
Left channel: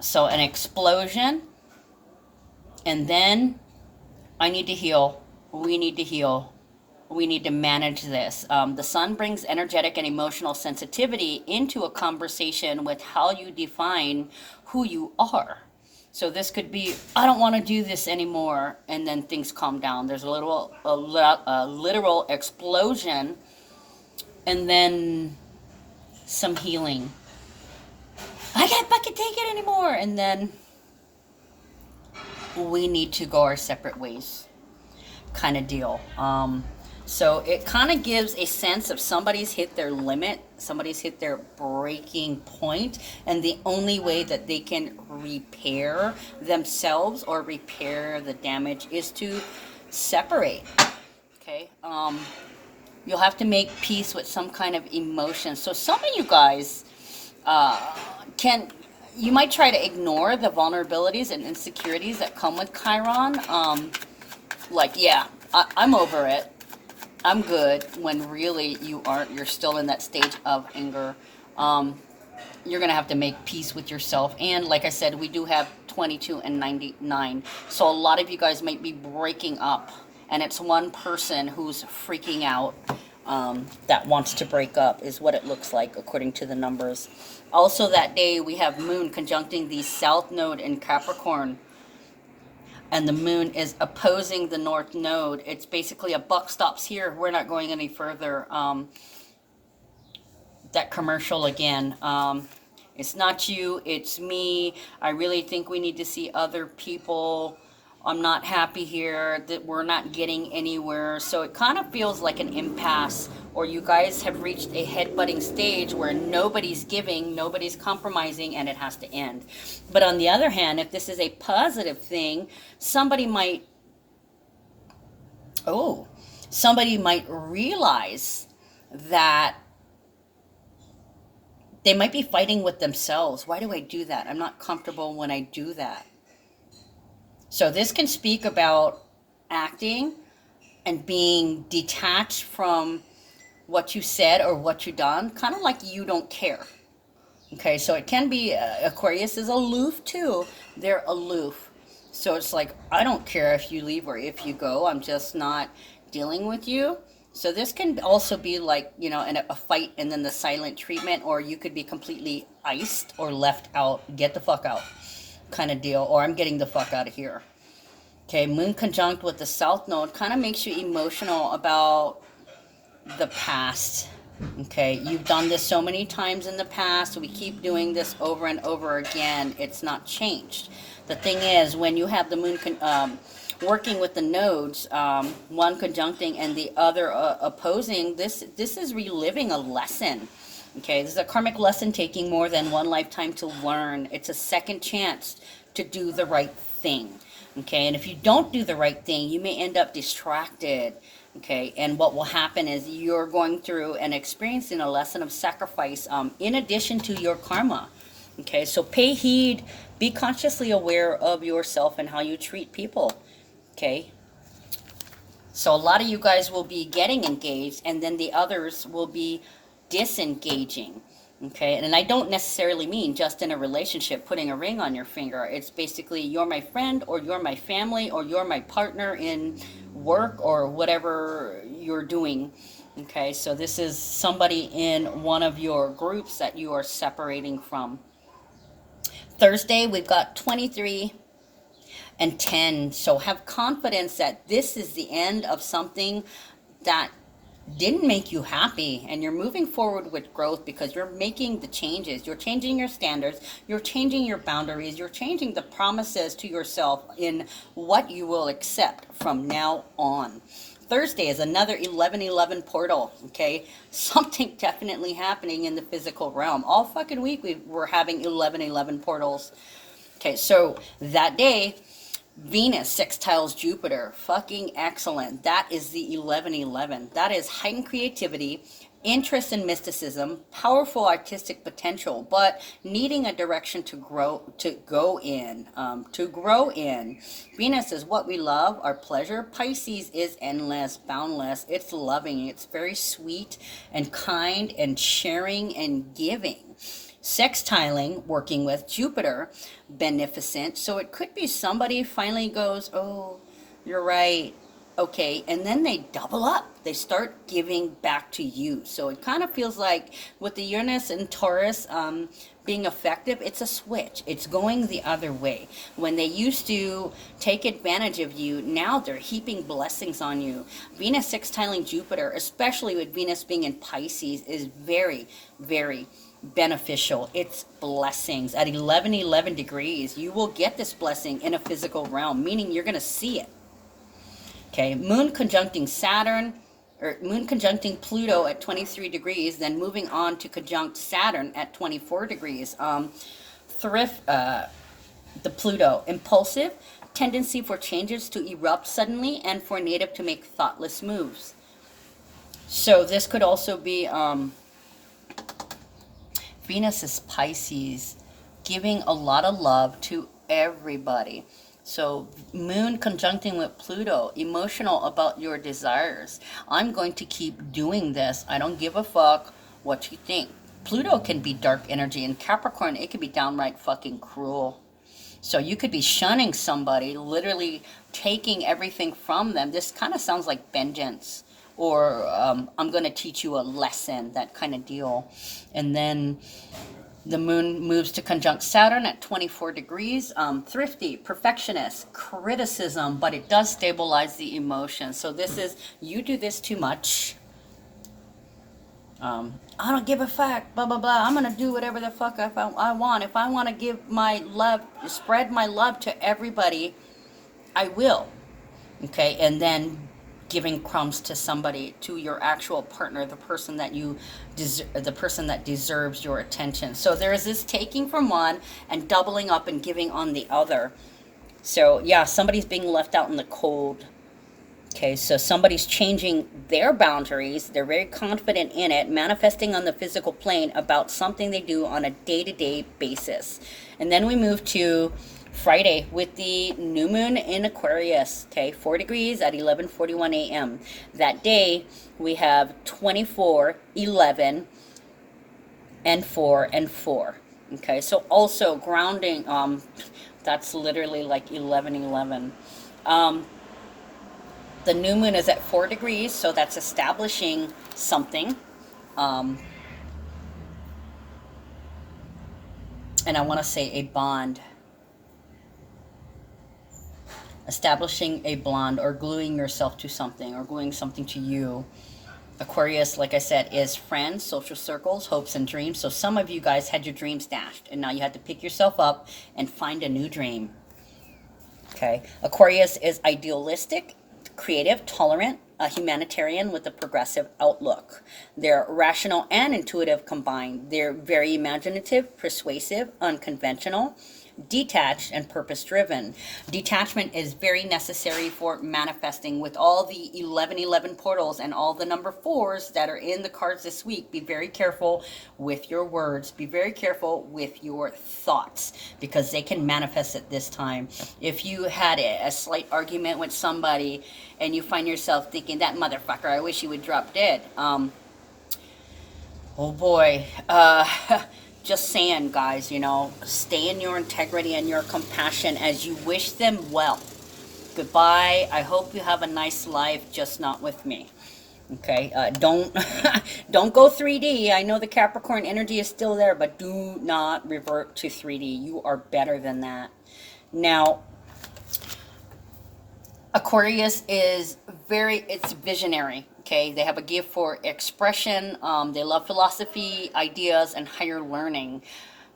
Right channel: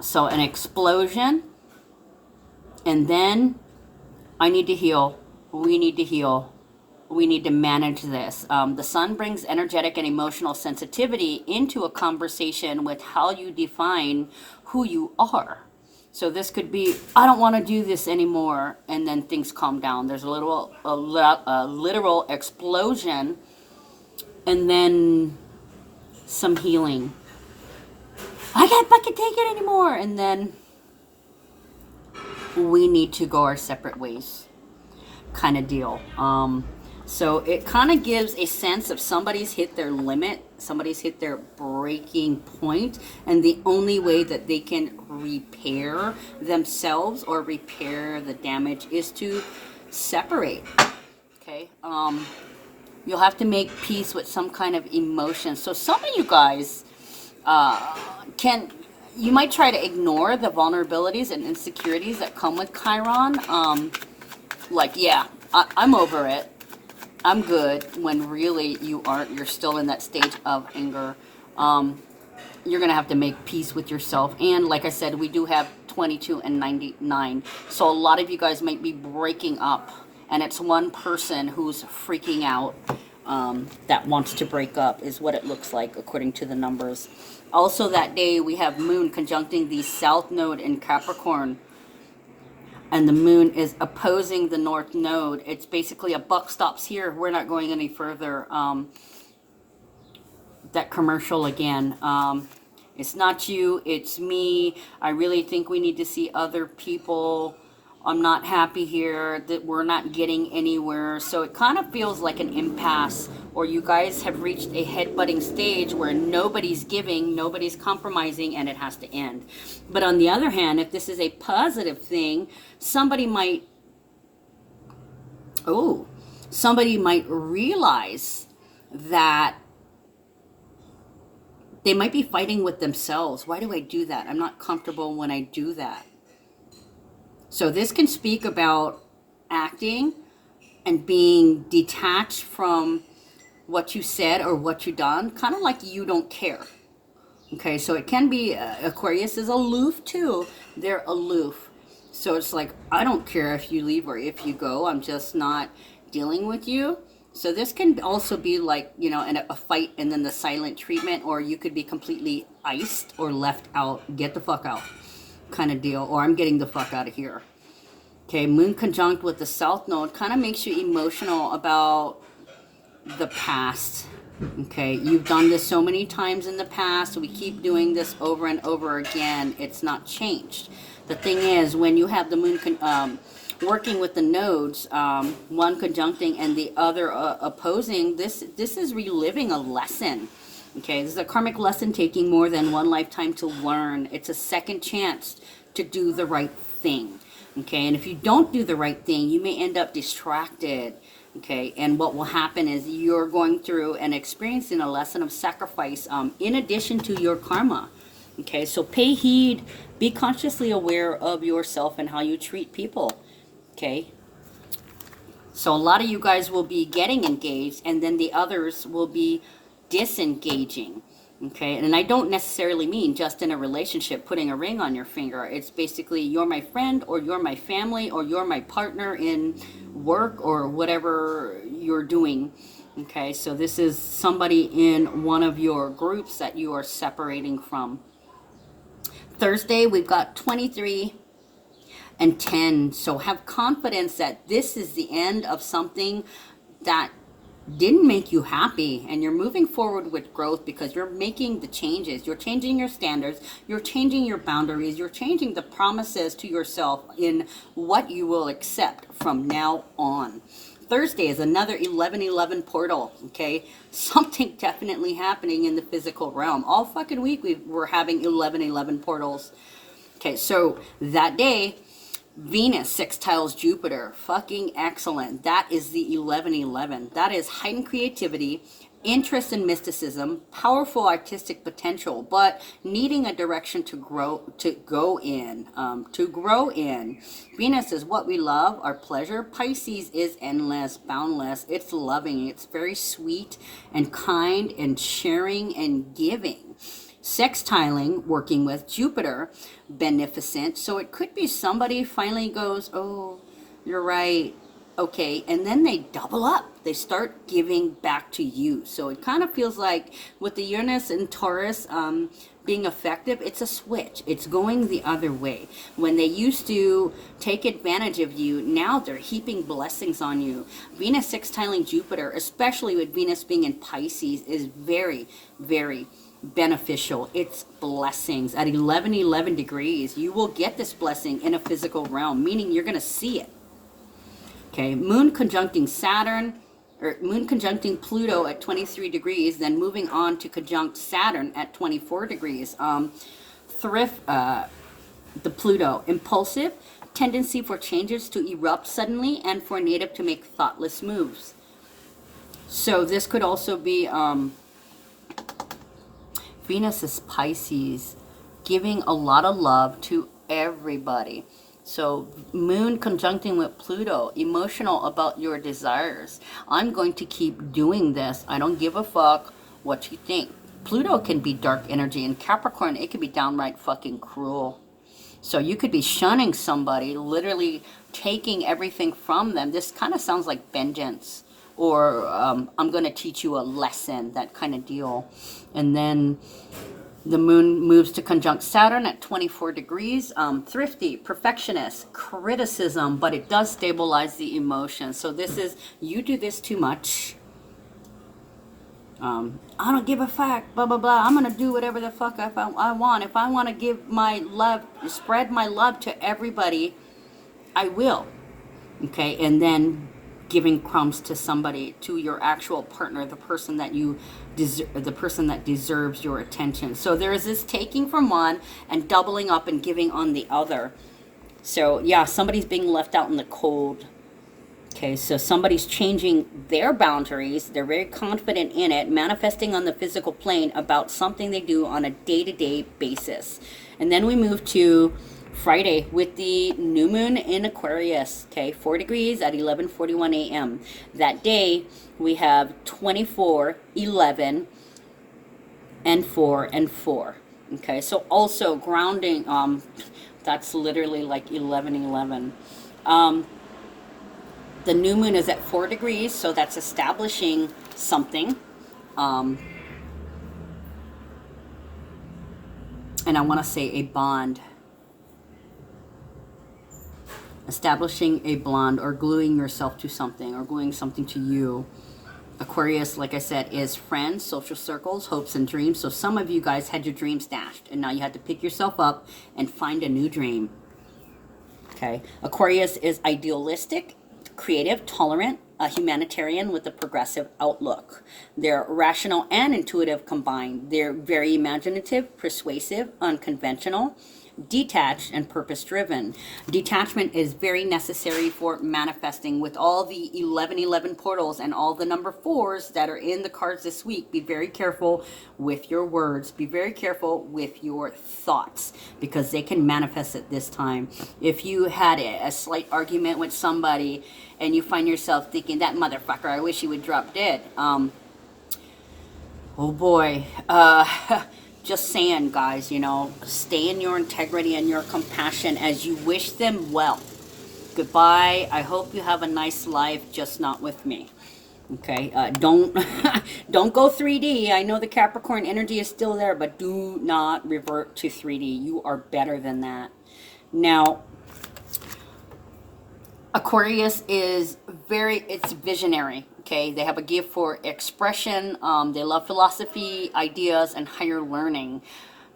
So an explosion, and then I need to heal. We need to heal. We need to manage this. The Sun brings energetic and emotional sensitivity into a conversation with how you define who you are. So this could be, I don't want to do this anymore, and then things calm down. There's a literal explosion, and then some healing. I can't fucking take it anymore, and then we need to go our separate ways, kind of deal. So it kind of gives a sense of somebody's hit their limit, somebody's hit their breaking point, and the only way that they can repair themselves or repair the damage is to separate. Okay, you'll have to make peace with some kind of emotion. So some of you guys, You might try to ignore the vulnerabilities and insecurities that come with Chiron. Like, yeah, I'm over it. I'm good, when really you aren't. You're still in that stage of anger. You're going to have to make peace with yourself. And like I said, we do have 22 and 99. So a lot of you guys might be breaking up. And it's one person who's freaking out that wants to break up, is what it looks like according to the numbers. Also that day we have Moon conjuncting the South Node in Capricorn. And the Moon is opposing the North Node. It's basically a buck stops here. We're not going any further. That commercial again. It's not you, it's me. I really think we need to see other people. I'm not happy here, that we're not getting anywhere. So it kind of feels like an impasse, or you guys have reached a headbutting stage where nobody's giving, nobody's compromising, and it has to end. But on the other hand, if this is a positive thing, somebody might realize that they might be fighting with themselves. Why do I do that? I'm not comfortable when I do that. So this can speak about acting and being detached from what you said or what you done, kind of like you don't care. Okay, so it can be, Aquarius is aloof too. They're aloof. So it's like, I don't care if you leave or if you go. I'm just not dealing with you. So this can also be like, you know, a fight and then the silent treatment, or you could be completely iced or left out, get the fuck out kind of deal, or I'm getting the fuck out of here. Okay, Moon conjunct with the South Node kind of makes you emotional about the past. Okay, you've done this so many times in the past. We keep doing this over and over again. It's not changed. The thing is, when you have the Moon working with the nodes, one conjuncting and the other opposing, this is reliving a lesson. Okay, this is a karmic lesson taking more than one lifetime to learn. It's a second chance to do the right thing. Okay, and if you don't do the right thing, you may end up distracted. Okay, and what will happen is you're going through and experiencing a lesson of sacrifice in addition to your karma. Okay, so pay heed, be consciously aware of yourself and how you treat people. Okay, so a lot of you guys will be getting engaged, and then the others will be disengaging. Okay, and I don't necessarily mean just in a relationship, putting a ring on your finger. It's basically, you're my friend, or you're my family, or you're my partner in work, or whatever you're doing. Okay, so this is somebody in one of your groups that you are separating from. Thursday, we've got 23 and 10. So have confidence that this is the end of something that didn't make you happy, and you're moving forward with growth because you're making the changes. You're changing your standards, you're changing your boundaries, you're changing the promises to yourself in what you will accept from now on. Thursday is another 1111 portal. Okay, something definitely happening in the physical realm. All fucking week we're having 1111 portals. Okay, so that day Venus sextiles Jupiter. Fucking excellent. That is the 1111. That is heightened creativity, interest in mysticism, powerful artistic potential, but needing a direction to go in. Venus is what we love, our pleasure. Pisces is endless, boundless. It's loving. It's very sweet and kind and sharing and giving. Sextiling, working with Jupiter, beneficent. So it could be somebody finally goes, oh, you're right. Okay. And then they double up. They start giving back to you. So it kind of feels like with the Uranus and Taurus being effective, it's a switch. It's going the other way. When they used to take advantage of you, now they're heaping blessings on you. Venus sextiling Jupiter, especially with Venus being in Pisces, is very, very beneficial. It's blessings. At 1111 degrees, you will get this blessing in a physical realm, meaning you're going to see it. Okay, Moon conjuncting Saturn, or Moon conjuncting Pluto at 23 degrees, then moving on to conjunct Saturn at 24 degrees. The Pluto, impulsive, tendency for changes to erupt suddenly, and for a native to make thoughtless moves. So this could also be Venus is Pisces, giving a lot of love to everybody. So moon conjuncting with Pluto, emotional about your desires. I'm going to keep doing this. I don't give a fuck what you think. Pluto can be dark energy, and Capricorn, it can be downright fucking cruel. So you could be shunning somebody, literally taking everything from them. This kind of sounds like vengeance, or I'm going to teach you a lesson, that kind of deal. And then the moon moves to conjunct Saturn at 24 degrees. Thrifty, perfectionist, criticism, but it does stabilize the emotion. So this is, you do this too much. I don't give a fuck, blah, blah, blah. I'm going to do whatever the fuck I want. If I want to give my love, spread my love to everybody, I will. Okay, and then giving crumbs to somebody, to your actual partner, the person that you the person that deserves your attention. So there is this taking from one and doubling up and giving on the other. So yeah, somebody's being left out in the cold. Okay, so somebody's changing their boundaries. They're very confident in it, manifesting on the physical plane about something they do on a day-to-day basis. And then we move to Friday with the new moon in Aquarius, okay, 4 degrees at 11:41 a.m. That day, we have 24, 11, and 4, and 4. Okay, so also grounding, that's literally like 11:11. The new moon is at 4 degrees, so that's establishing something. And I want to say a bond. Establishing a bond, or gluing yourself to something, or gluing something to you. Aquarius, like I said, is friends, social circles, hopes, and dreams. So some of you guys had your dreams dashed, and now you had to pick yourself up and find a new dream. Okay. Aquarius is idealistic, creative, tolerant, a humanitarian with a progressive outlook. They're rational and intuitive combined. They're very imaginative, persuasive, unconventional, detached, and purpose-driven. Detachment is very necessary for manifesting. With all the 1111 portals and all the number 4s that are in the cards this week, be very careful with your words. Be very careful with your thoughts, because they can manifest at this time. If you had a slight argument with somebody and you find yourself thinking, that motherfucker, I wish he would drop dead. Oh boy. Just saying, guys, you know, stay in your integrity and your compassion as you wish them well. Goodbye. I hope you have a nice life, just not with me. Okay, don't don't go 3D. I know the Capricorn energy is still there, but do not revert to 3D. You are better than that. Now, Aquarius is it's visionary. Okay, they have a gift for expression. They love philosophy, ideas, and higher learning.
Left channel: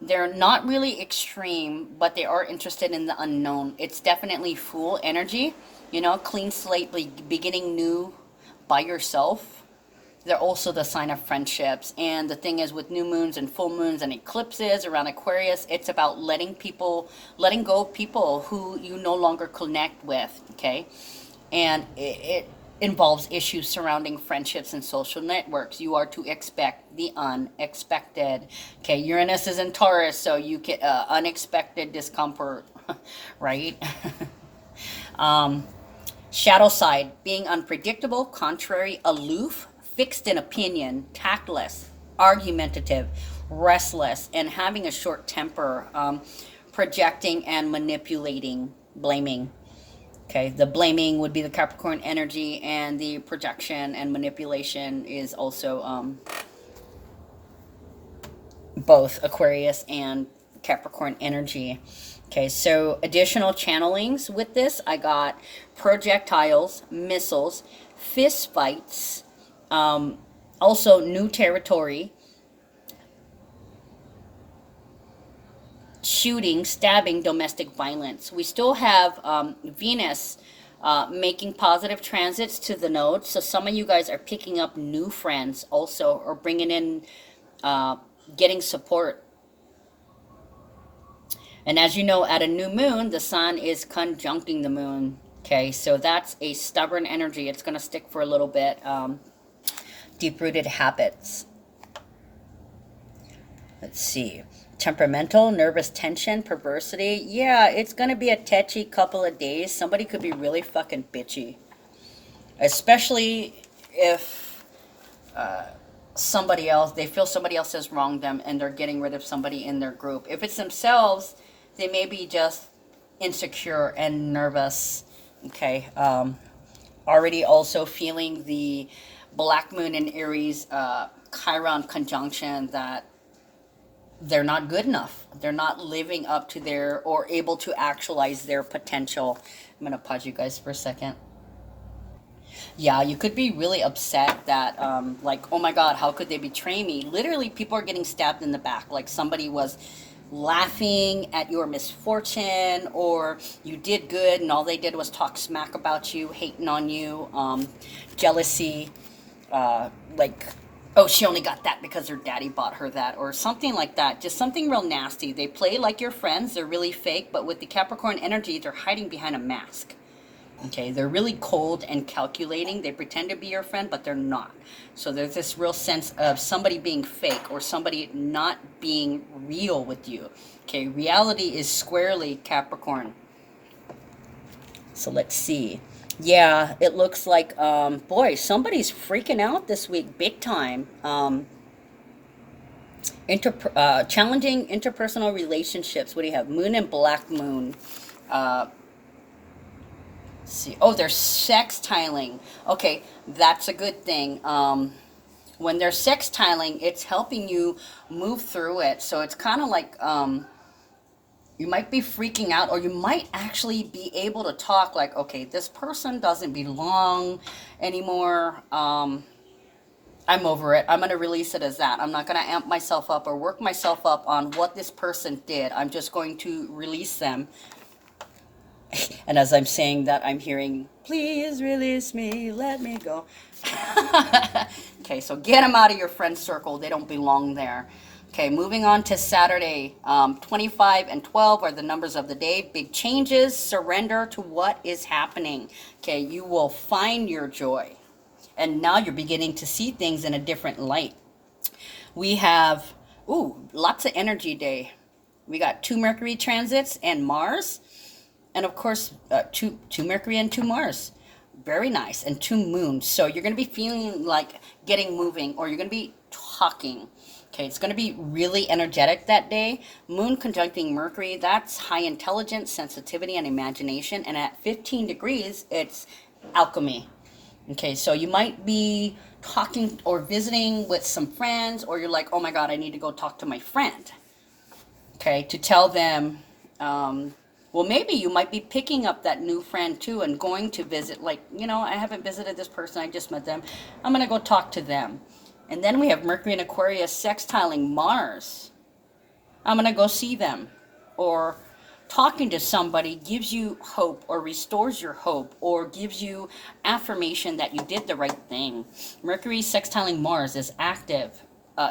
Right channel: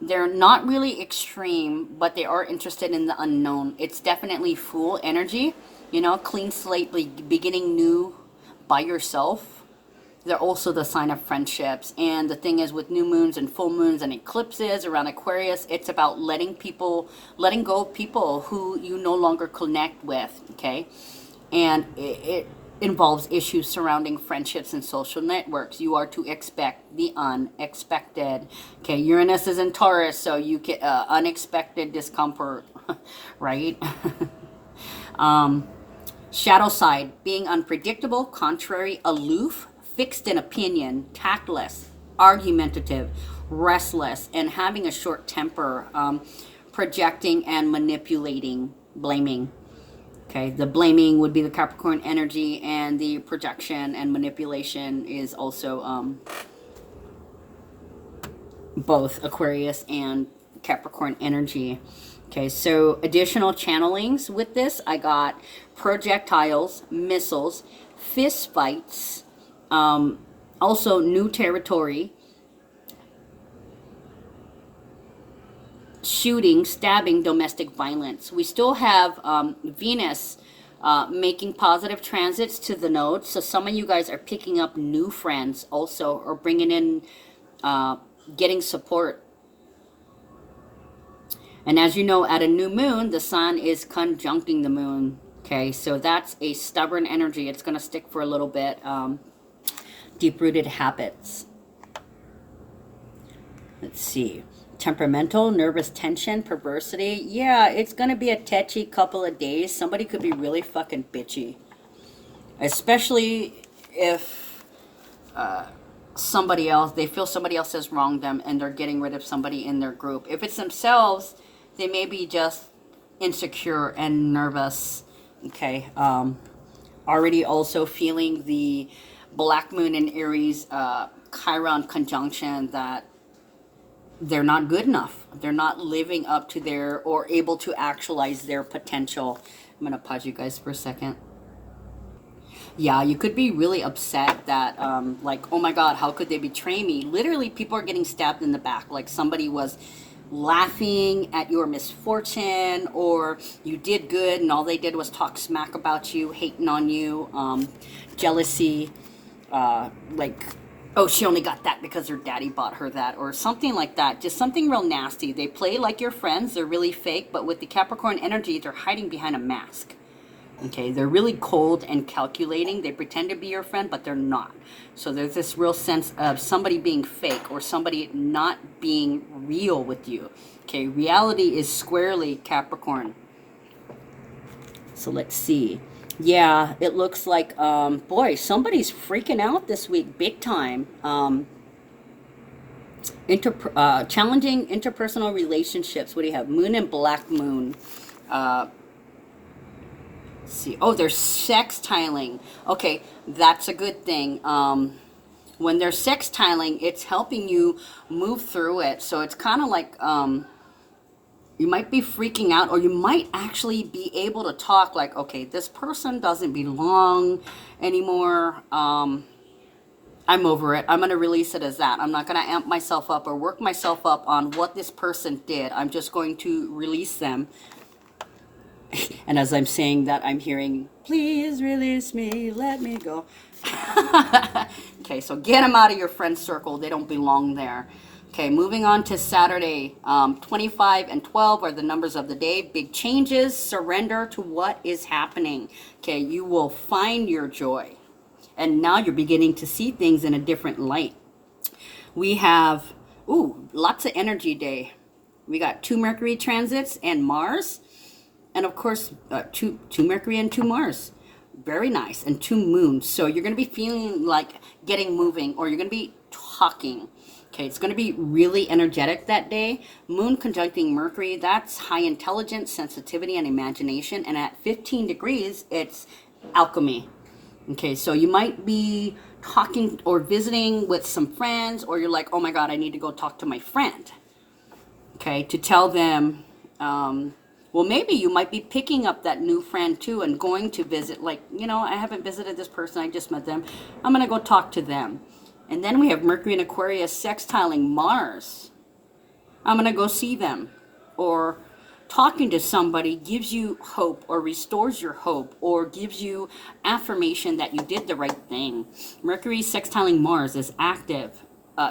They're not really extreme, but they are interested in the unknown. It's definitely Fool energy, you know, clean slate, beginning new by yourself. They're also the sign of friendships. And the thing is, with new moons and full moons and eclipses around Aquarius, it's about letting go of people who you no longer connect with, okay? And it involves issues surrounding friendships and social networks. You are to expect the unexpected. Okay, Uranus is in Taurus, so you get unexpected discomfort, right? Shadow side, being unpredictable, contrary, aloof, fixed in opinion, tactless, argumentative, restless, and having a short temper, projecting and manipulating, blaming. Okay, the blaming would be the Capricorn energy, and the projection and manipulation is also both Aquarius and Capricorn energy. Okay, so additional channelings with this, I got projectiles, missiles, fist fights, also new territory, shooting, stabbing, domestic violence. We still have Venus making positive transits to the nodes. So some of you guys are picking up new friends also, or bringing in, getting support. And as you know, at a new moon, the sun is conjuncting the moon. Okay, so that's a stubborn energy. It's going to stick for a little bit. Deep-rooted habits. Let's see. Temperamental, nervous tension, perversity. Yeah, it's going to be a tetchy couple of days. Somebody could be really fucking bitchy. Especially if somebody else, they feel somebody else has wronged them and they're getting rid of somebody in their group. If it's themselves, they may be just insecure and nervous. Okay. Already also feeling the Black Moon in Aries Chiron conjunction that they're not good enough. They're not living up to their, or able to actualize their potential. I'm going to pause you guys for a second. Yeah, you could be really upset that, like, oh my God, how could they betray me? Literally, people are getting stabbed in the back. Like somebody was laughing at your misfortune, or you did good and all they did was talk smack about you, hating on you, jealousy, like, oh, she only got that because her daddy bought her that, or something like that. Just something real nasty. They play like your friends. They're really fake, but with the Capricorn energy, they're hiding behind a mask. Okay, they're really cold and calculating. They pretend to be your friend, but they're not. So there's this real sense of somebody being fake or somebody not being real with you. Okay, reality is squarely Capricorn. So let's see. Yeah, it looks like, boy, somebody's freaking out this week big time. Challenging interpersonal relationships. What do you have? Moon and Black Moon. See, oh, they're sextiling. Okay, that's a good thing. When they're sextiling, it's helping you move through it. So it's kind of like you might be freaking out, or you might actually be able to talk like, okay, this person doesn't belong anymore. I'm over it. I'm going to release it as that. I'm not going to amp myself up or work myself up on what this person did. I'm just going to release them. And as I'm saying that, I'm hearing, please release me, let me go. Okay, so get them out of your friend circle. They don't belong there. Okay, moving on to Saturday. 25 and 12 are the numbers of the day. Big changes, surrender to what is happening. Okay, you will find your joy. And now you're beginning to see things in a different light. We have, lots of energy day. We got 2 Mercury transits and Mars. And of course, two Mercury and 2 Mars. Very nice. And 2 moons. So you're going to be feeling like getting moving, or you're going to be talking. Okay, it's going to be really energetic that day. Moon conjuncting Mercury, that's high intelligence, sensitivity, and imagination. And at 15 degrees, it's alchemy. Okay, so you might be talking or visiting with some friends, or you're like, oh my God, I need to go talk to my friend. Okay, to tell them, well, maybe you might be picking up that new friend too and going to visit, like, I haven't visited this person, I just met them. I'm going to go talk to them. And then we have Mercury and Aquarius sextiling Mars. I'm going to go see them. Or talking to somebody gives you hope, or restores your hope, or gives you affirmation that you did the right thing. Mercury sextiling Mars is active.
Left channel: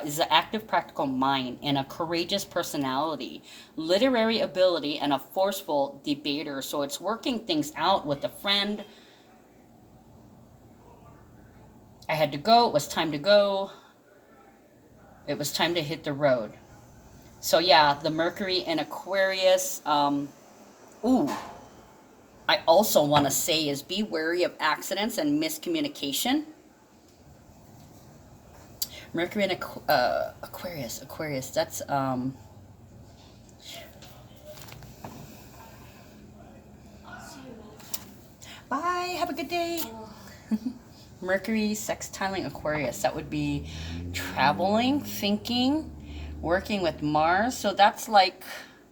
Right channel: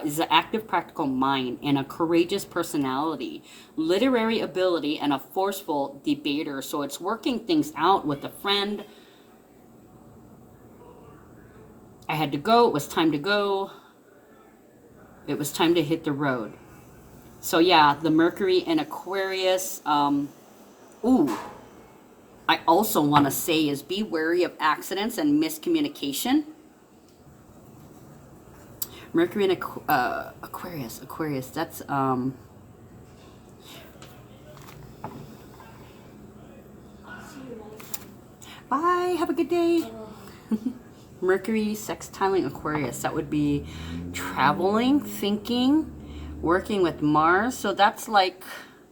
Is an active, practical mind and a courageous personality, literary ability, and a forceful debater. So it's working things out with a friend. I had to go. It was time to go. It was time to hit the road. So yeah, the Mercury in Aquarius. I also want to say is be wary of accidents and miscommunication. Mercury in Aquarius, that's, bye, have a good day. Mercury sextiling Aquarius, that would be traveling, thinking, working with Mars. So that's like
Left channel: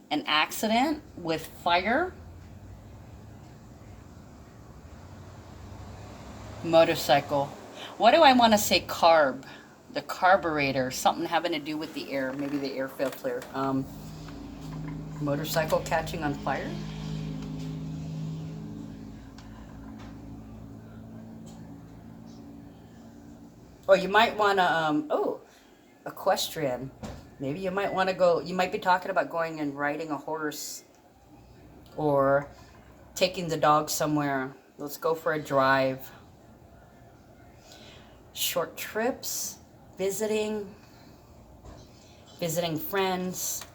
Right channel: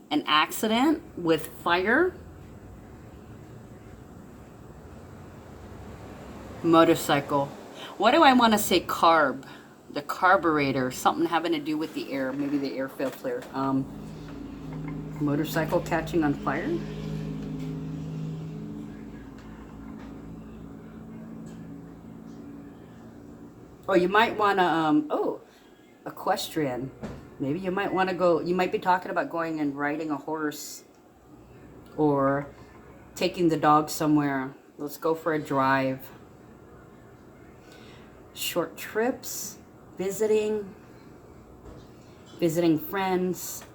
an accident with fire. Motorcycle. What do I want to say? Carb. The carburetor, something having to do with the air, maybe the air filter. Motorcycle catching on fire. Oh, you might want to, equestrian. Maybe you might want to go, you might be talking about going and riding a horse, or taking the dog somewhere. Let's go for a drive. Short trips. Visiting. visiting friends,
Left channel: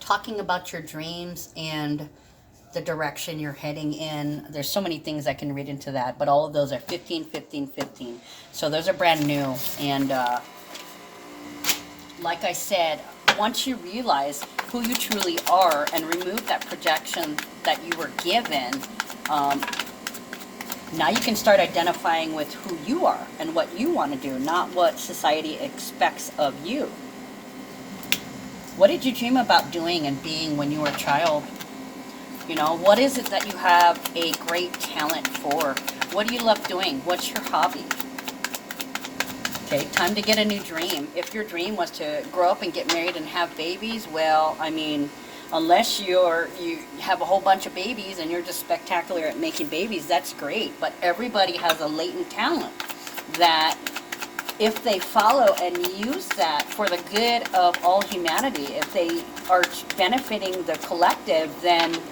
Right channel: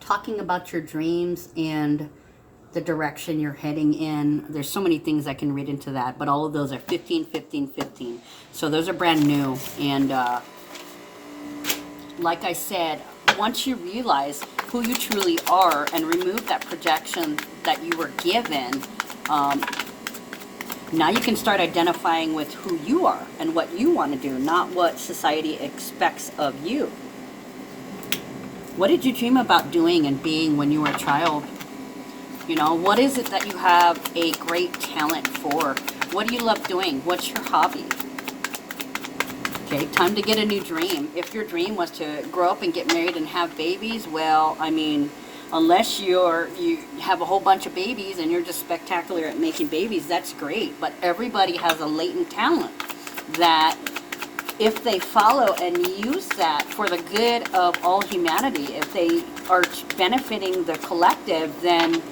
talking about your dreams and the direction you're heading in. There's so many things I can read into that, but all of those are 15, 15, 15. So those are brand new. And like I said, once you realize who you truly are and remove that projection that you were given, now you can start identifying with who you are and what you want to do, not what society expects of you. What did you dream about doing and being when you were a child? You know, what is it that you have a great talent for? What do you love doing? What's your hobby? Okay, time to get a new dream. If your dream was to grow up and get married and have babies, well, I mean, unless you have a whole bunch of babies and you're just spectacular at making babies, that's great. But everybody has a latent talent that if they follow and use that for the good of all humanity, if they are benefiting the collective, then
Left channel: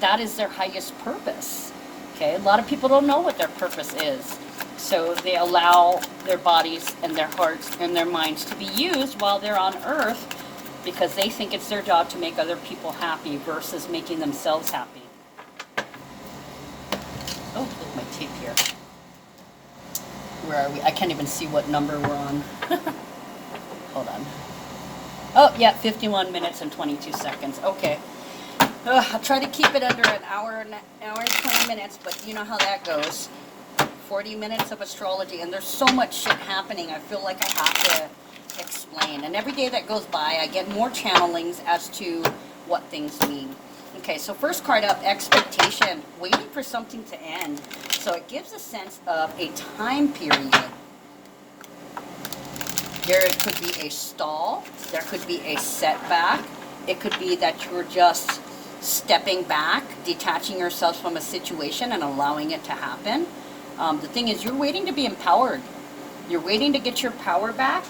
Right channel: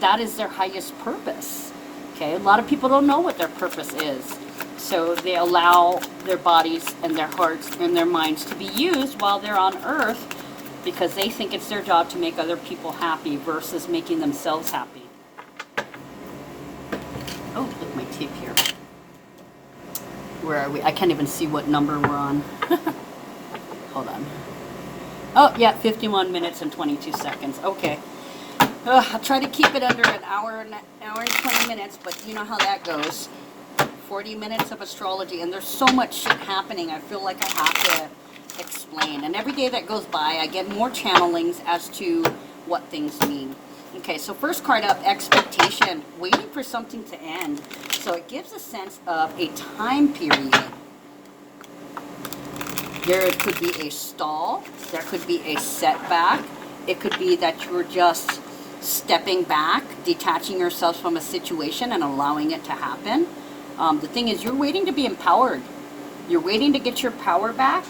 that is their highest purpose. Okay, a lot of people don't know what their purpose is. So they allow their bodies and their hearts and their minds to be used while they're on earth because they think it's their job to make other people happy versus making themselves happy. Oh, look at my tape here. Where are we? I can't even see what number we're on. Hold on. Oh, yeah, 51 minutes and 22 seconds. Okay. I'll try to keep it under an hour and 20 minutes, but you know how that goes. 40 minutes of astrology, and there's so much shit happening. I feel like I have to explain. And every day that goes by, I get more channelings as to what things mean. Okay, so first card up, expectation, waiting for something to end. So it gives a sense of a time period. There could be a stall, there could be a setback, it could be that you're just stepping back, detaching yourself from a situation and allowing it to happen. The thing is, you're waiting to be empowered. You're waiting to get your power back.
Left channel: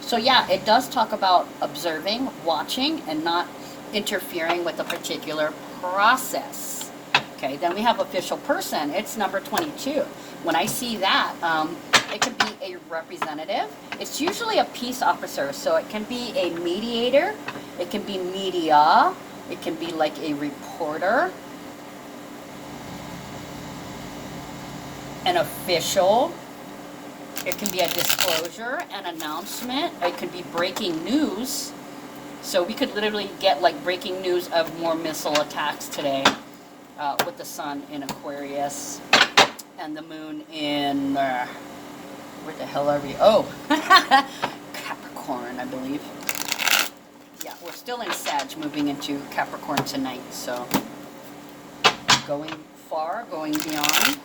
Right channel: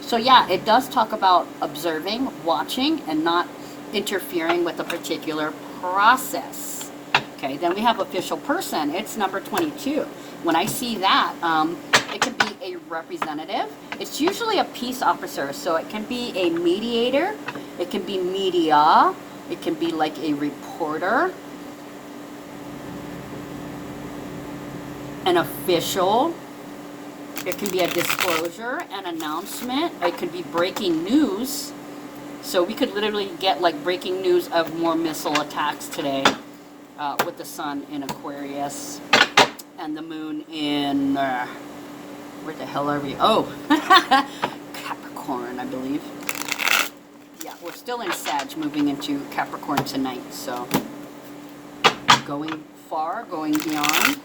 So yeah, it does talk about observing, watching, and not interfering with a particular process. Okay, then we have official person. It's number 22. When I see that, it can be a representative. It's usually a peace officer. So it can be a mediator. It can be media. It can be like a reporter. An official. It can be a disclosure, an announcement. It could be breaking news. So we could literally get like breaking news of more missile attacks today with the sun in Aquarius and the moon in, where the hell are we? Oh, Capricorn, I believe. Yeah, we're still in Sag, moving into Capricorn tonight. So going far, going beyond.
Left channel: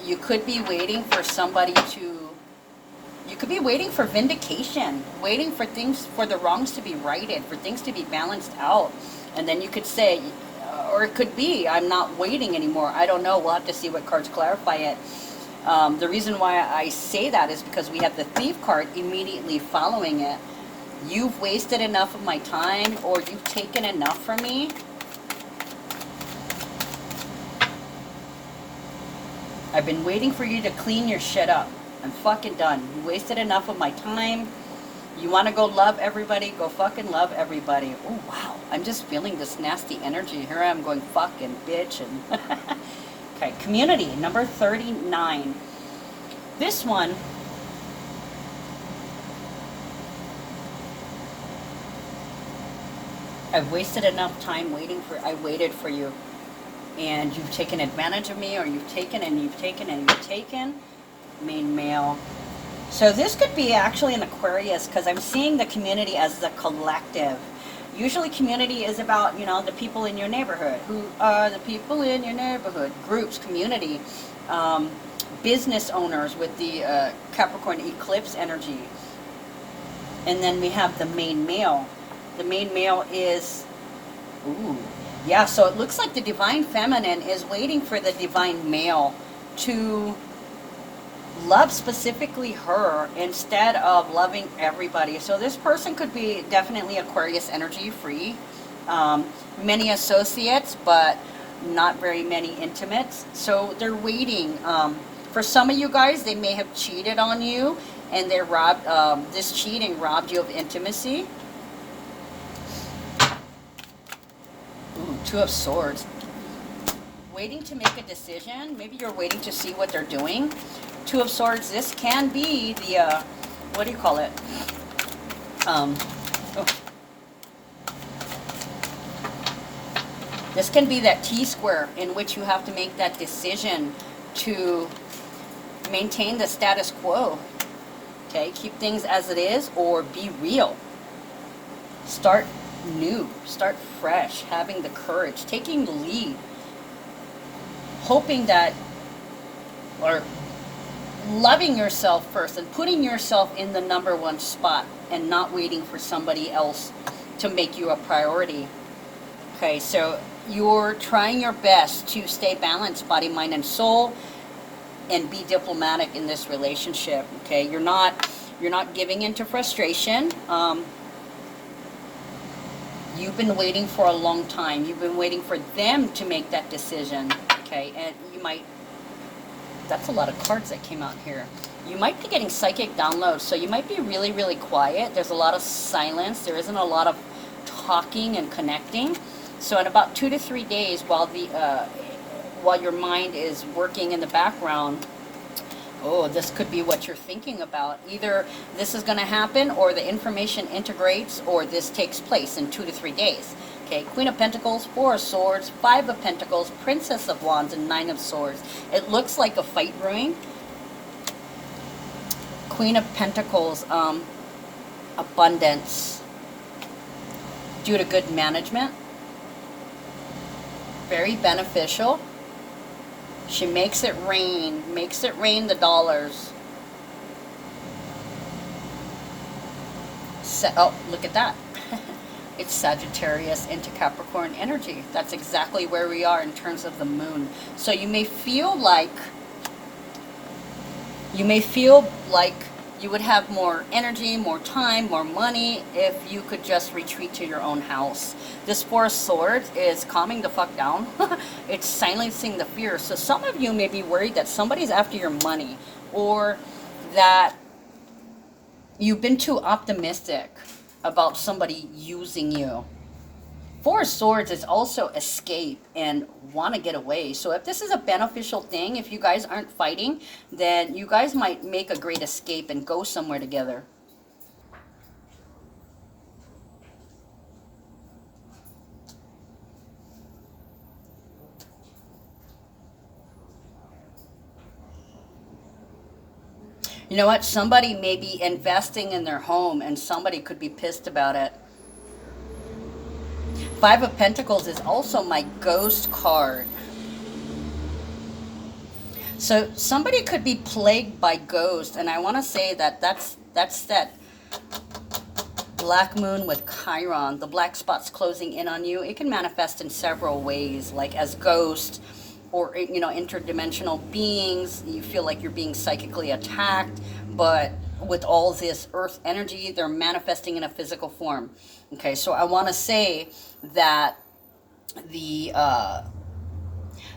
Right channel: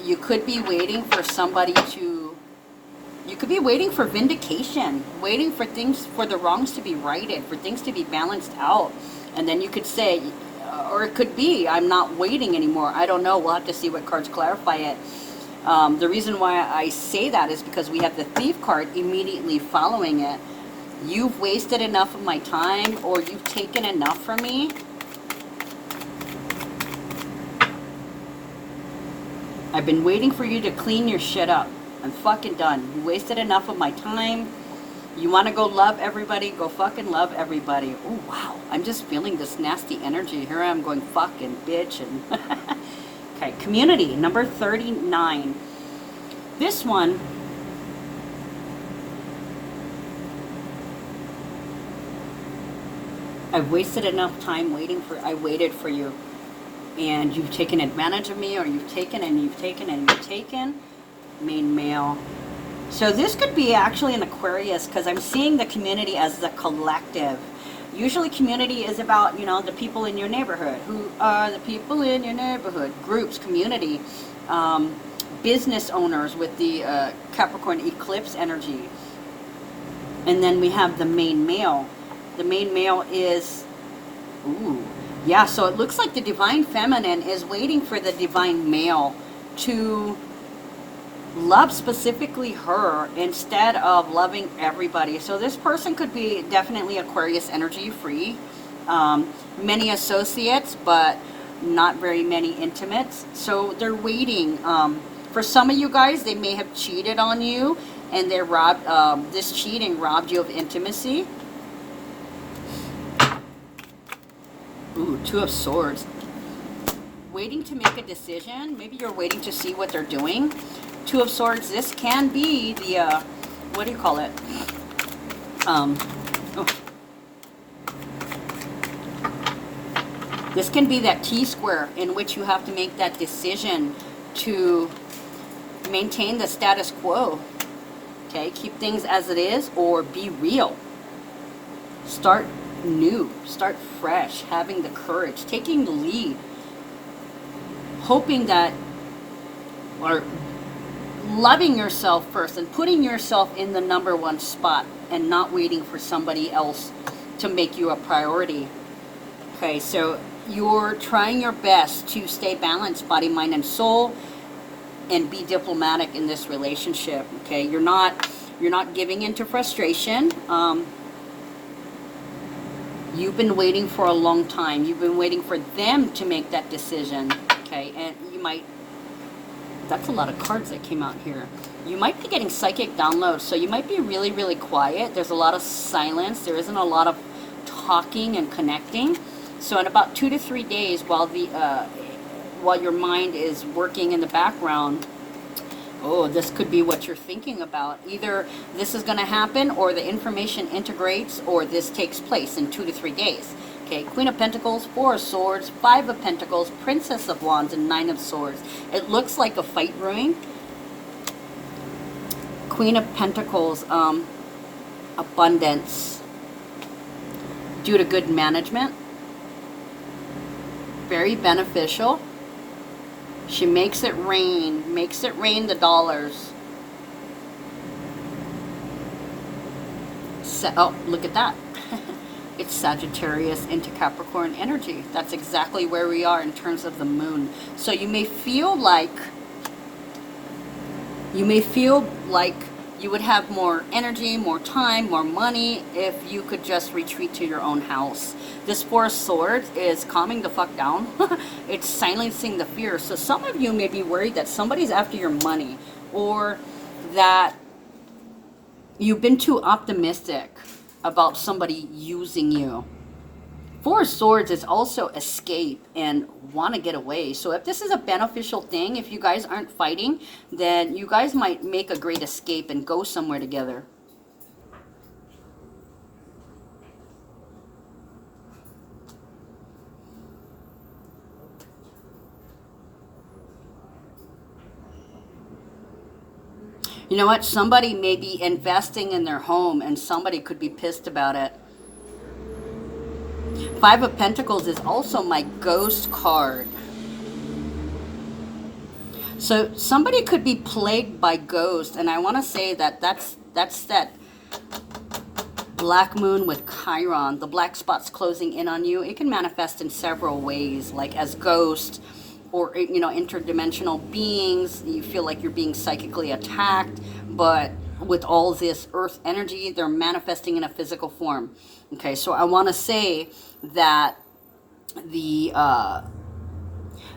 You could be waiting for somebody to, you could be waiting for vindication, waiting for things, for the wrongs to be righted, for things to be balanced out. And then you could say, or it could be, I'm not waiting anymore. I don't know. We'll have to see what cards clarify it. The reason why I say that is because we have the Thief card immediately following it. You've wasted enough of my time, or you've taken enough from me. I've been waiting for you to clean your shit up. I'm fucking done. You wasted enough of my time. You want to go love everybody? Go fucking love everybody. Oh, wow. I'm just feeling this nasty energy. Here I am going fucking bitch. And okay, community, number 39. This one, I've wasted enough time waiting for, I waited for you. And you've taken advantage of me, or you've taken and you've taken and you've taken. Main male. So this could be actually an Aquarius, because I'm seeing the community as the collective. Usually community is about, you know, the people in your neighborhood. Who are the people in your neighborhood? Groups, community, business owners with the Capricorn eclipse energy. And then we have the main male. The main male is, ooh, yeah, so it looks like the divine feminine is waiting for the divine male to love specifically her instead of loving everybody. So this person could be definitely Aquarius energy free. Many associates, but not very many intimates. So they're waiting. For some of you guys, they may have cheated on you, and they robbed, this cheating robbed you of intimacy. Ooh, Two of Swords. Waiting to make a decision. Maybe you're waiting to see what they're doing. Two of Swords, this can be the, what do you call it? Oh. This can be that T-square in which you have to make that decision to maintain the status quo. Okay, keep things as it is or be real. Start new, start fresh, having the courage, taking the lead, hoping that, or loving yourself first and putting yourself in the #1 spot and not waiting for somebody else to make you a priority. Okay, so you're trying your best to stay balanced, body, mind, and soul, and be diplomatic in this relationship. Okay, you're not giving into frustration. You've been waiting for a long time. You've been waiting for them to make that decision. Okay, and you might, that's a lot of cards that came out here. You might be getting psychic downloads, so you might be really, really quiet. There's a lot of silence. There isn't a lot of talking and connecting. So in about 2 to 3 days, while your mind is working in the background, oh, this could be what you're thinking about. Either this is going to happen, or the information integrates, or this takes place in 2 to 3 days. Okay, Queen of Pentacles, Four of Swords, Five of Pentacles, Princess of Wands, and Nine of Swords. It looks like a fight brewing. Queen of Pentacles, abundance due to good management. Very beneficial. She makes it rain the dollars. Oh, look at that. It's Sagittarius into Capricorn energy. That's exactly where we are in terms of the moon. So you may feel like you would have more energy, more time, more money if you could just retreat to your own house. This Four of Swords is calming the fuck down. It's silencing the fear. So some of you may be worried that somebody's after your money, or that you've been too optimistic about somebody using you. Four of Swords is also escape and want to get away. So if this is a beneficial thing, if you guys aren't fighting, then you guys might make a great escape and go somewhere together. You know what? Somebody may be investing in their home and somebody could be pissed about it. Five of Pentacles is also my ghost card. So somebody could be plagued by ghosts, and I want to say that that's that black moon with Chiron, the black spots closing in on you. It can manifest in several ways, like as ghosts, or, you know, interdimensional beings. You feel like you're being psychically attacked, but with all this earth energy, they're manifesting in a physical form. Okay, so I want to say that the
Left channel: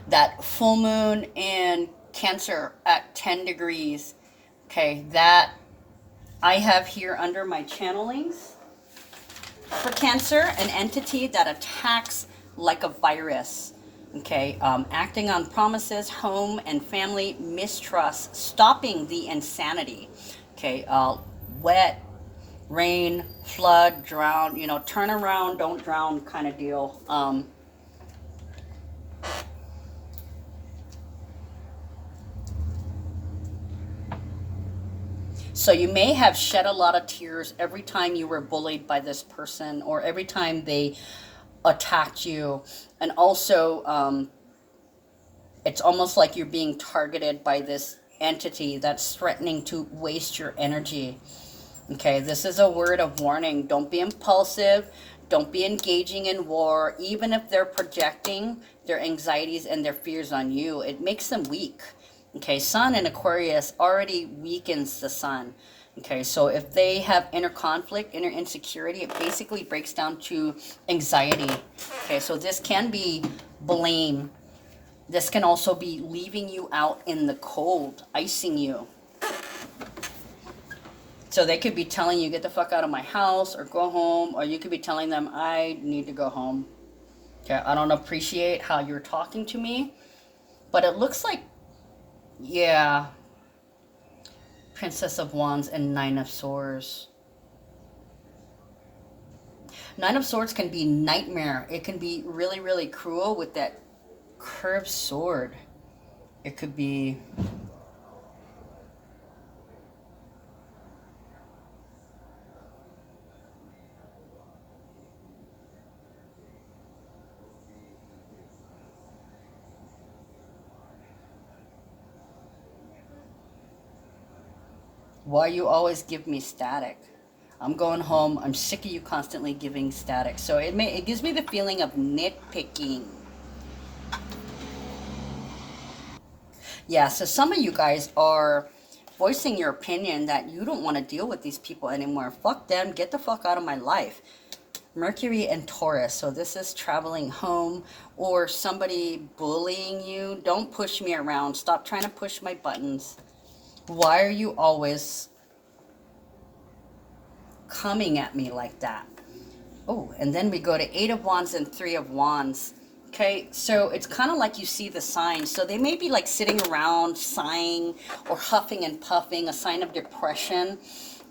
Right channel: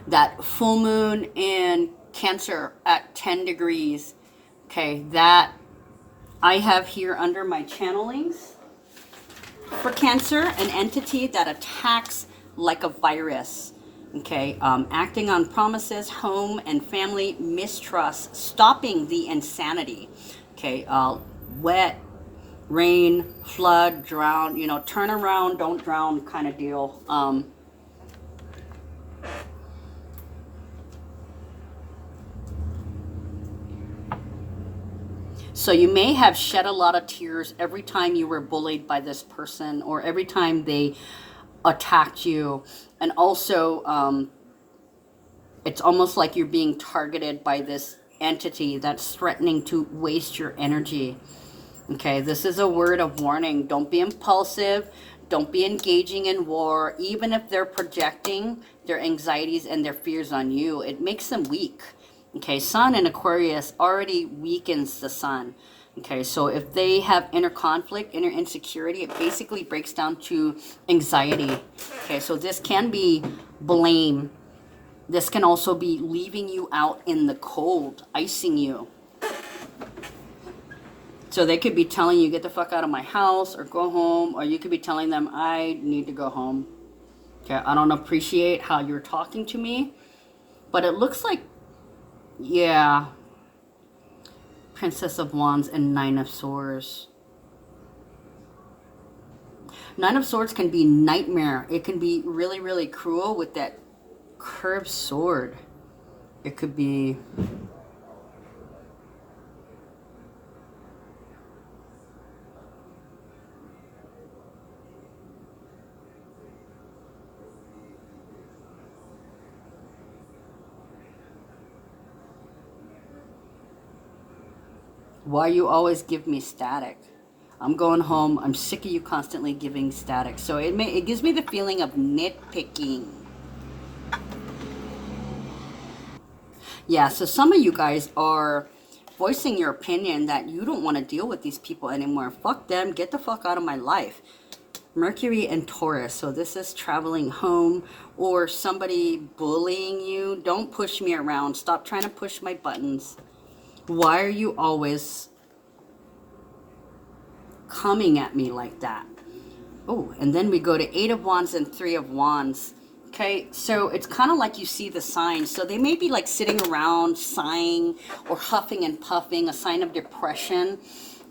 that full moon in Cancer at 10 degrees, okay, that I have here under my channelings for Cancer, an entity that attacks like a virus. Okay, acting on promises, home and family, mistrust, stopping the insanity. Okay, wet, rain, flood, drown, you know, turn around, don't drown kind of deal. So you may have shed a lot of tears every time you were bullied by this person, or every time they attacked you. And also, it's almost like you're being targeted by this entity that's threatening to waste your energy. Okay, this is a word of warning. Don't be impulsive. Don't be engaging in war, even if they're projecting their anxieties and their fears on you. It makes them weak. Okay, Sun in Aquarius already weakens the Sun. Okay, so if they have inner conflict, inner insecurity, it basically breaks down to anxiety. Okay, so this can be blame. This can also be leaving you out in the cold, icing you. So they could be telling you, get the fuck out of my house, or go home, or you could be telling them, I need to go home. Okay, I don't appreciate how you're talking to me. But it looks like, yeah, Princess of Wands and Nine of Swords. Nine of Swords can be nightmare. It can be really, really cruel with that curved sword. It could be... Why you always give me static? I'm going home. I'm sick of you constantly giving static. So it gives me the feeling of nitpicking. Yeah, so some of you guys are voicing your opinion that you don't want to deal with these people anymore. Fuck them. Get the fuck out of my life. Mercury and Taurus. So this is traveling home or somebody bullying you. Don't push me around. Stop trying to push my buttons. Why are you always coming at me like that? Oh, and then we go to Eight of Wands and Three of Wands. Okay, so it's kind of like you see the signs. So they may be like sitting around sighing or huffing and puffing, a sign of depression.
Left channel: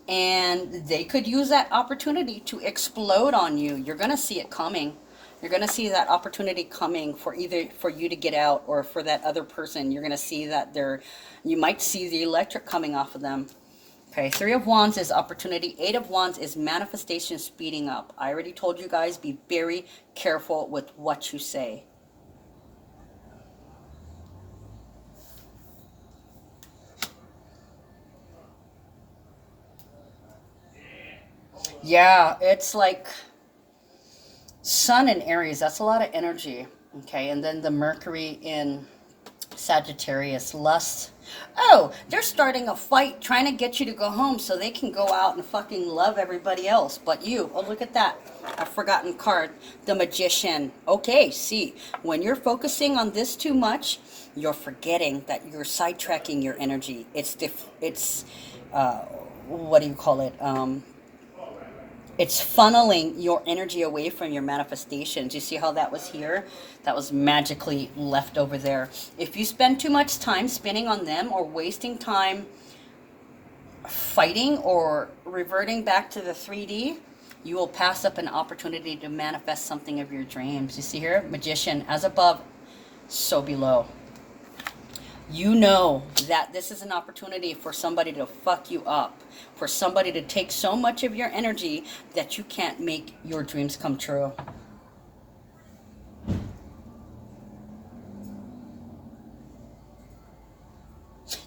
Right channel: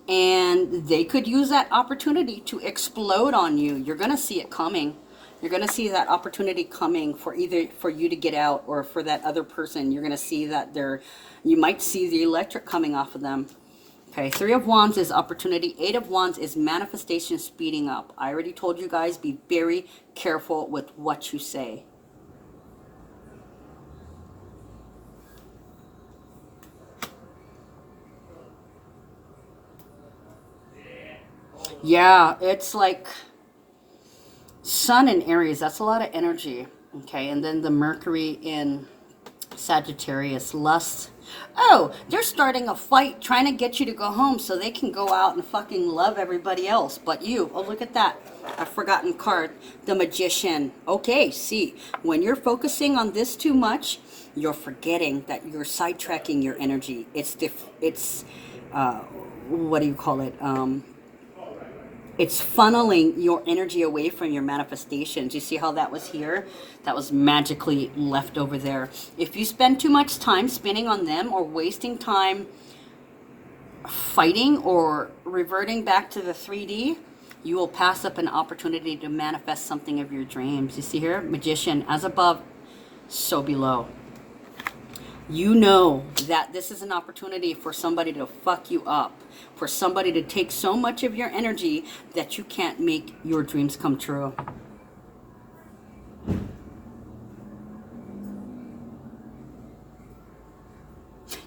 And they could use that opportunity to explode on you. You're going to see it coming. You're going to see that opportunity coming for either for you to get out or for that other person. You're going to see that you might see the electric coming off of them. Okay, Three of Wands is opportunity. Eight of Wands is manifestation speeding up. I already told you guys, be very careful with what you say. Yeah, it's like Sun in Aries. That's a lot of energy. Okay, and then the Mercury in Sagittarius, lust. Oh, they're starting a fight trying to get you to go home so they can go out and fucking love everybody else but you. Oh, look at that. A forgotten card. The Magician. Okay, see, when you're focusing on this too much, you're forgetting that you're sidetracking your energy. What do you call it? It's funneling your energy away from your manifestations. You see how that was here? That was magically left over there. If you spend too much time spinning on them or wasting time fighting or reverting back to the 3D, you will pass up an opportunity to manifest something of your dreams. You see here? Magician, as above, so below. You know that this is an opportunity for somebody to fuck you up, for somebody to take so much of your energy that you can't make your dreams come true.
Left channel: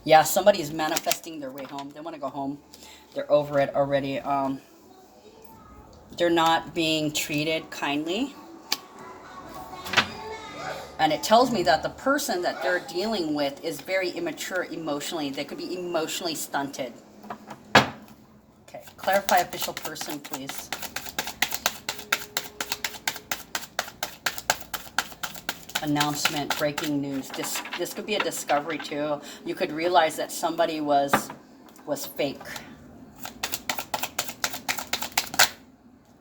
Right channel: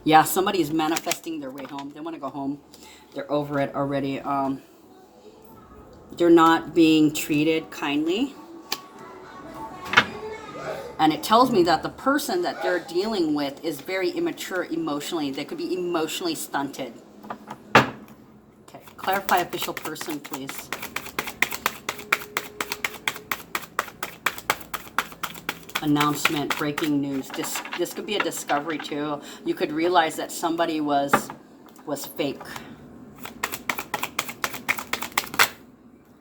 Yeah, somebody's manifesting their way home. They want to go home. They're over it already. They're not being treated kindly. And it tells me that the person that they're dealing with is very immature emotionally. They could be emotionally stunted. Okay, clarify official person, please. Announcement, breaking news. This could be a discovery too. You could realize that somebody was fake.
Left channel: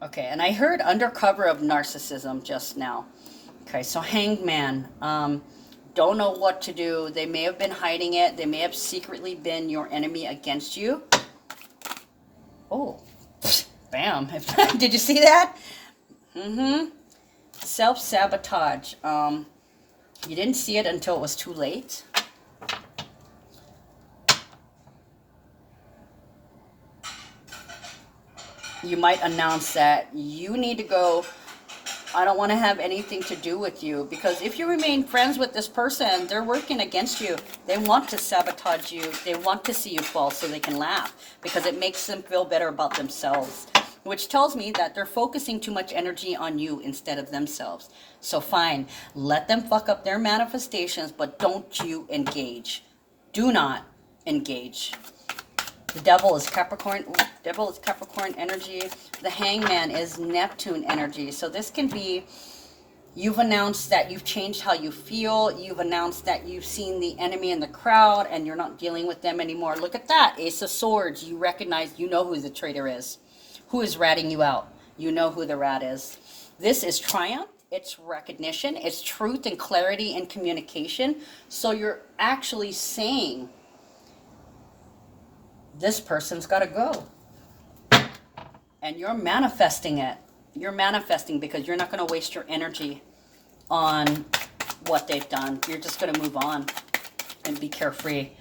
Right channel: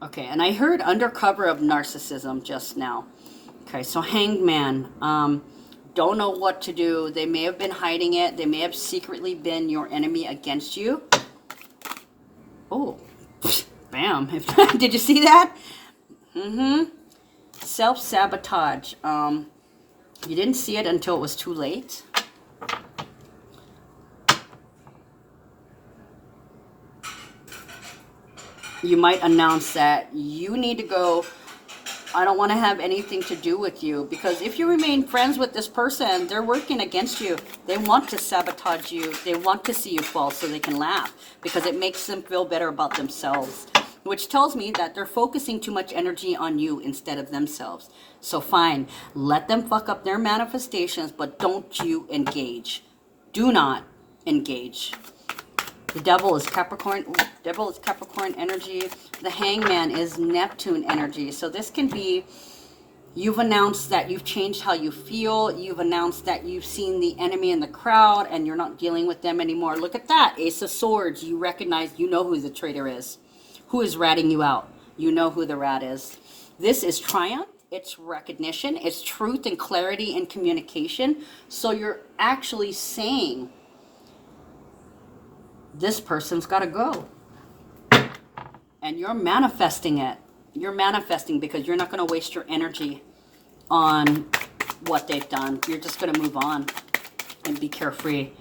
Okay, and I heard undercover of narcissism just now. Okay, so Hanged Man, don't know what to do. They may have been hiding it. They may have secretly been your enemy against you. Oh, bam. Did you see that? Self-sabotage. You didn't see it until it was too late. You might announce that you need to go. I don't want to have anything to do with you, because if you remain friends with this person, they're working against you. They want to sabotage you. They want to see you fall so they can laugh, because it makes them feel better about themselves, which tells me that they're focusing too much energy on you instead of themselves. So fine, let them fuck up their manifestations, but don't you engage. Do not engage. The devil is Capricorn. Devil is Capricorn energy. The Hangman is Neptune energy. So this can be You've announced that you've changed how you feel. You've announced that you've seen the enemy in the crowd and you're not dealing with them anymore. Look at that. Ace of Swords. You recognize, you know who the traitor is. Who is ratting you out. You know who the rat is. This is triumph. It's recognition. It's truth and clarity and communication. So you're actually saying, this person's got to go. And you're manifesting it. You're manifesting because you're not going to waste your energy on what they've done. You're just going to move on and be carefree.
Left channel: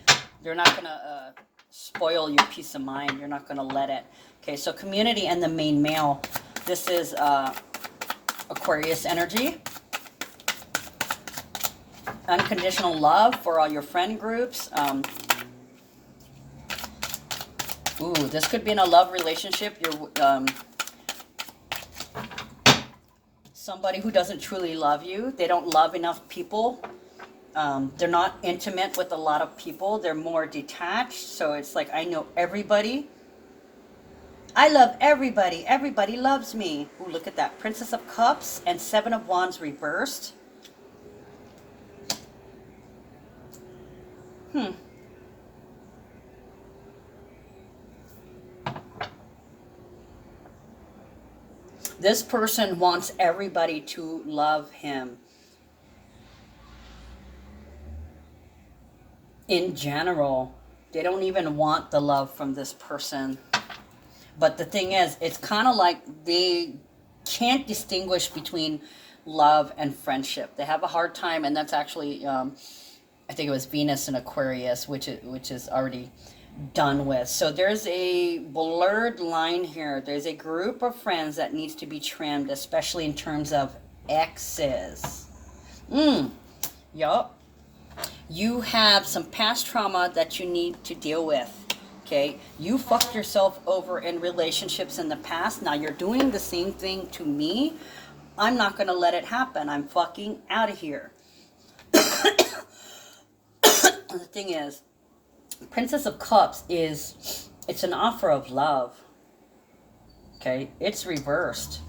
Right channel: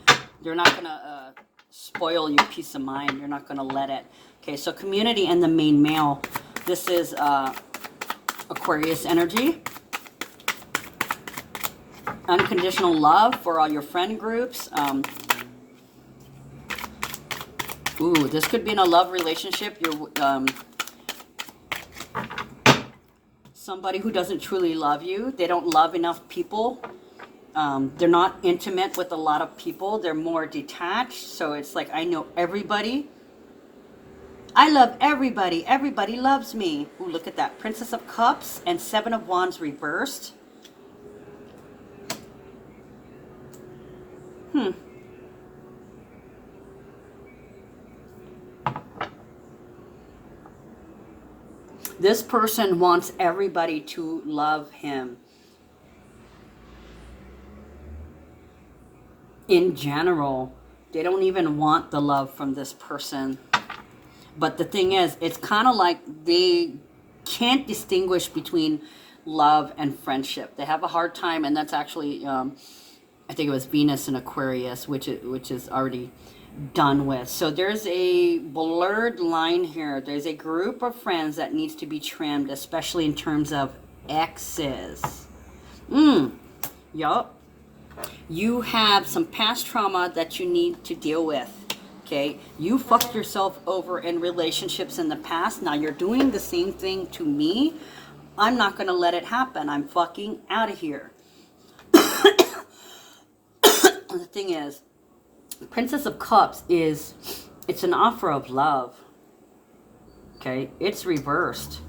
You're not going to spoil your peace of mind. You're not going to let it. Okay, so community and the main male. This is Aquarius energy. Unconditional love for all your friend groups. Ooh, this could be in a love relationship. You're somebody who doesn't truly love you. They don't love enough people. They're not intimate with a lot of people. They're more detached. So it's like, I know everybody. I love everybody. Everybody loves me. Ooh, look at that. Princess of Cups and Seven of Wands reversed. This person wants everybody to love him. In general, they don't even want the love from this person. But the thing is, it's kind of like they can't distinguish between love and friendship. They have a hard time, and that's actually, I think it was Venus in Aquarius, which is already done with. So there's a blurred line here. There's a group of friends that needs to be trimmed, especially in terms of exes. Yup. You have some past trauma that you need to deal with. Okay, you fucked yourself over in relationships in the past. Now you're doing the same thing to me. I'm not going to let it happen. I'm fucking out of here. The thing is, Princess of Cups it's an offer of love. Okay, it's reversed.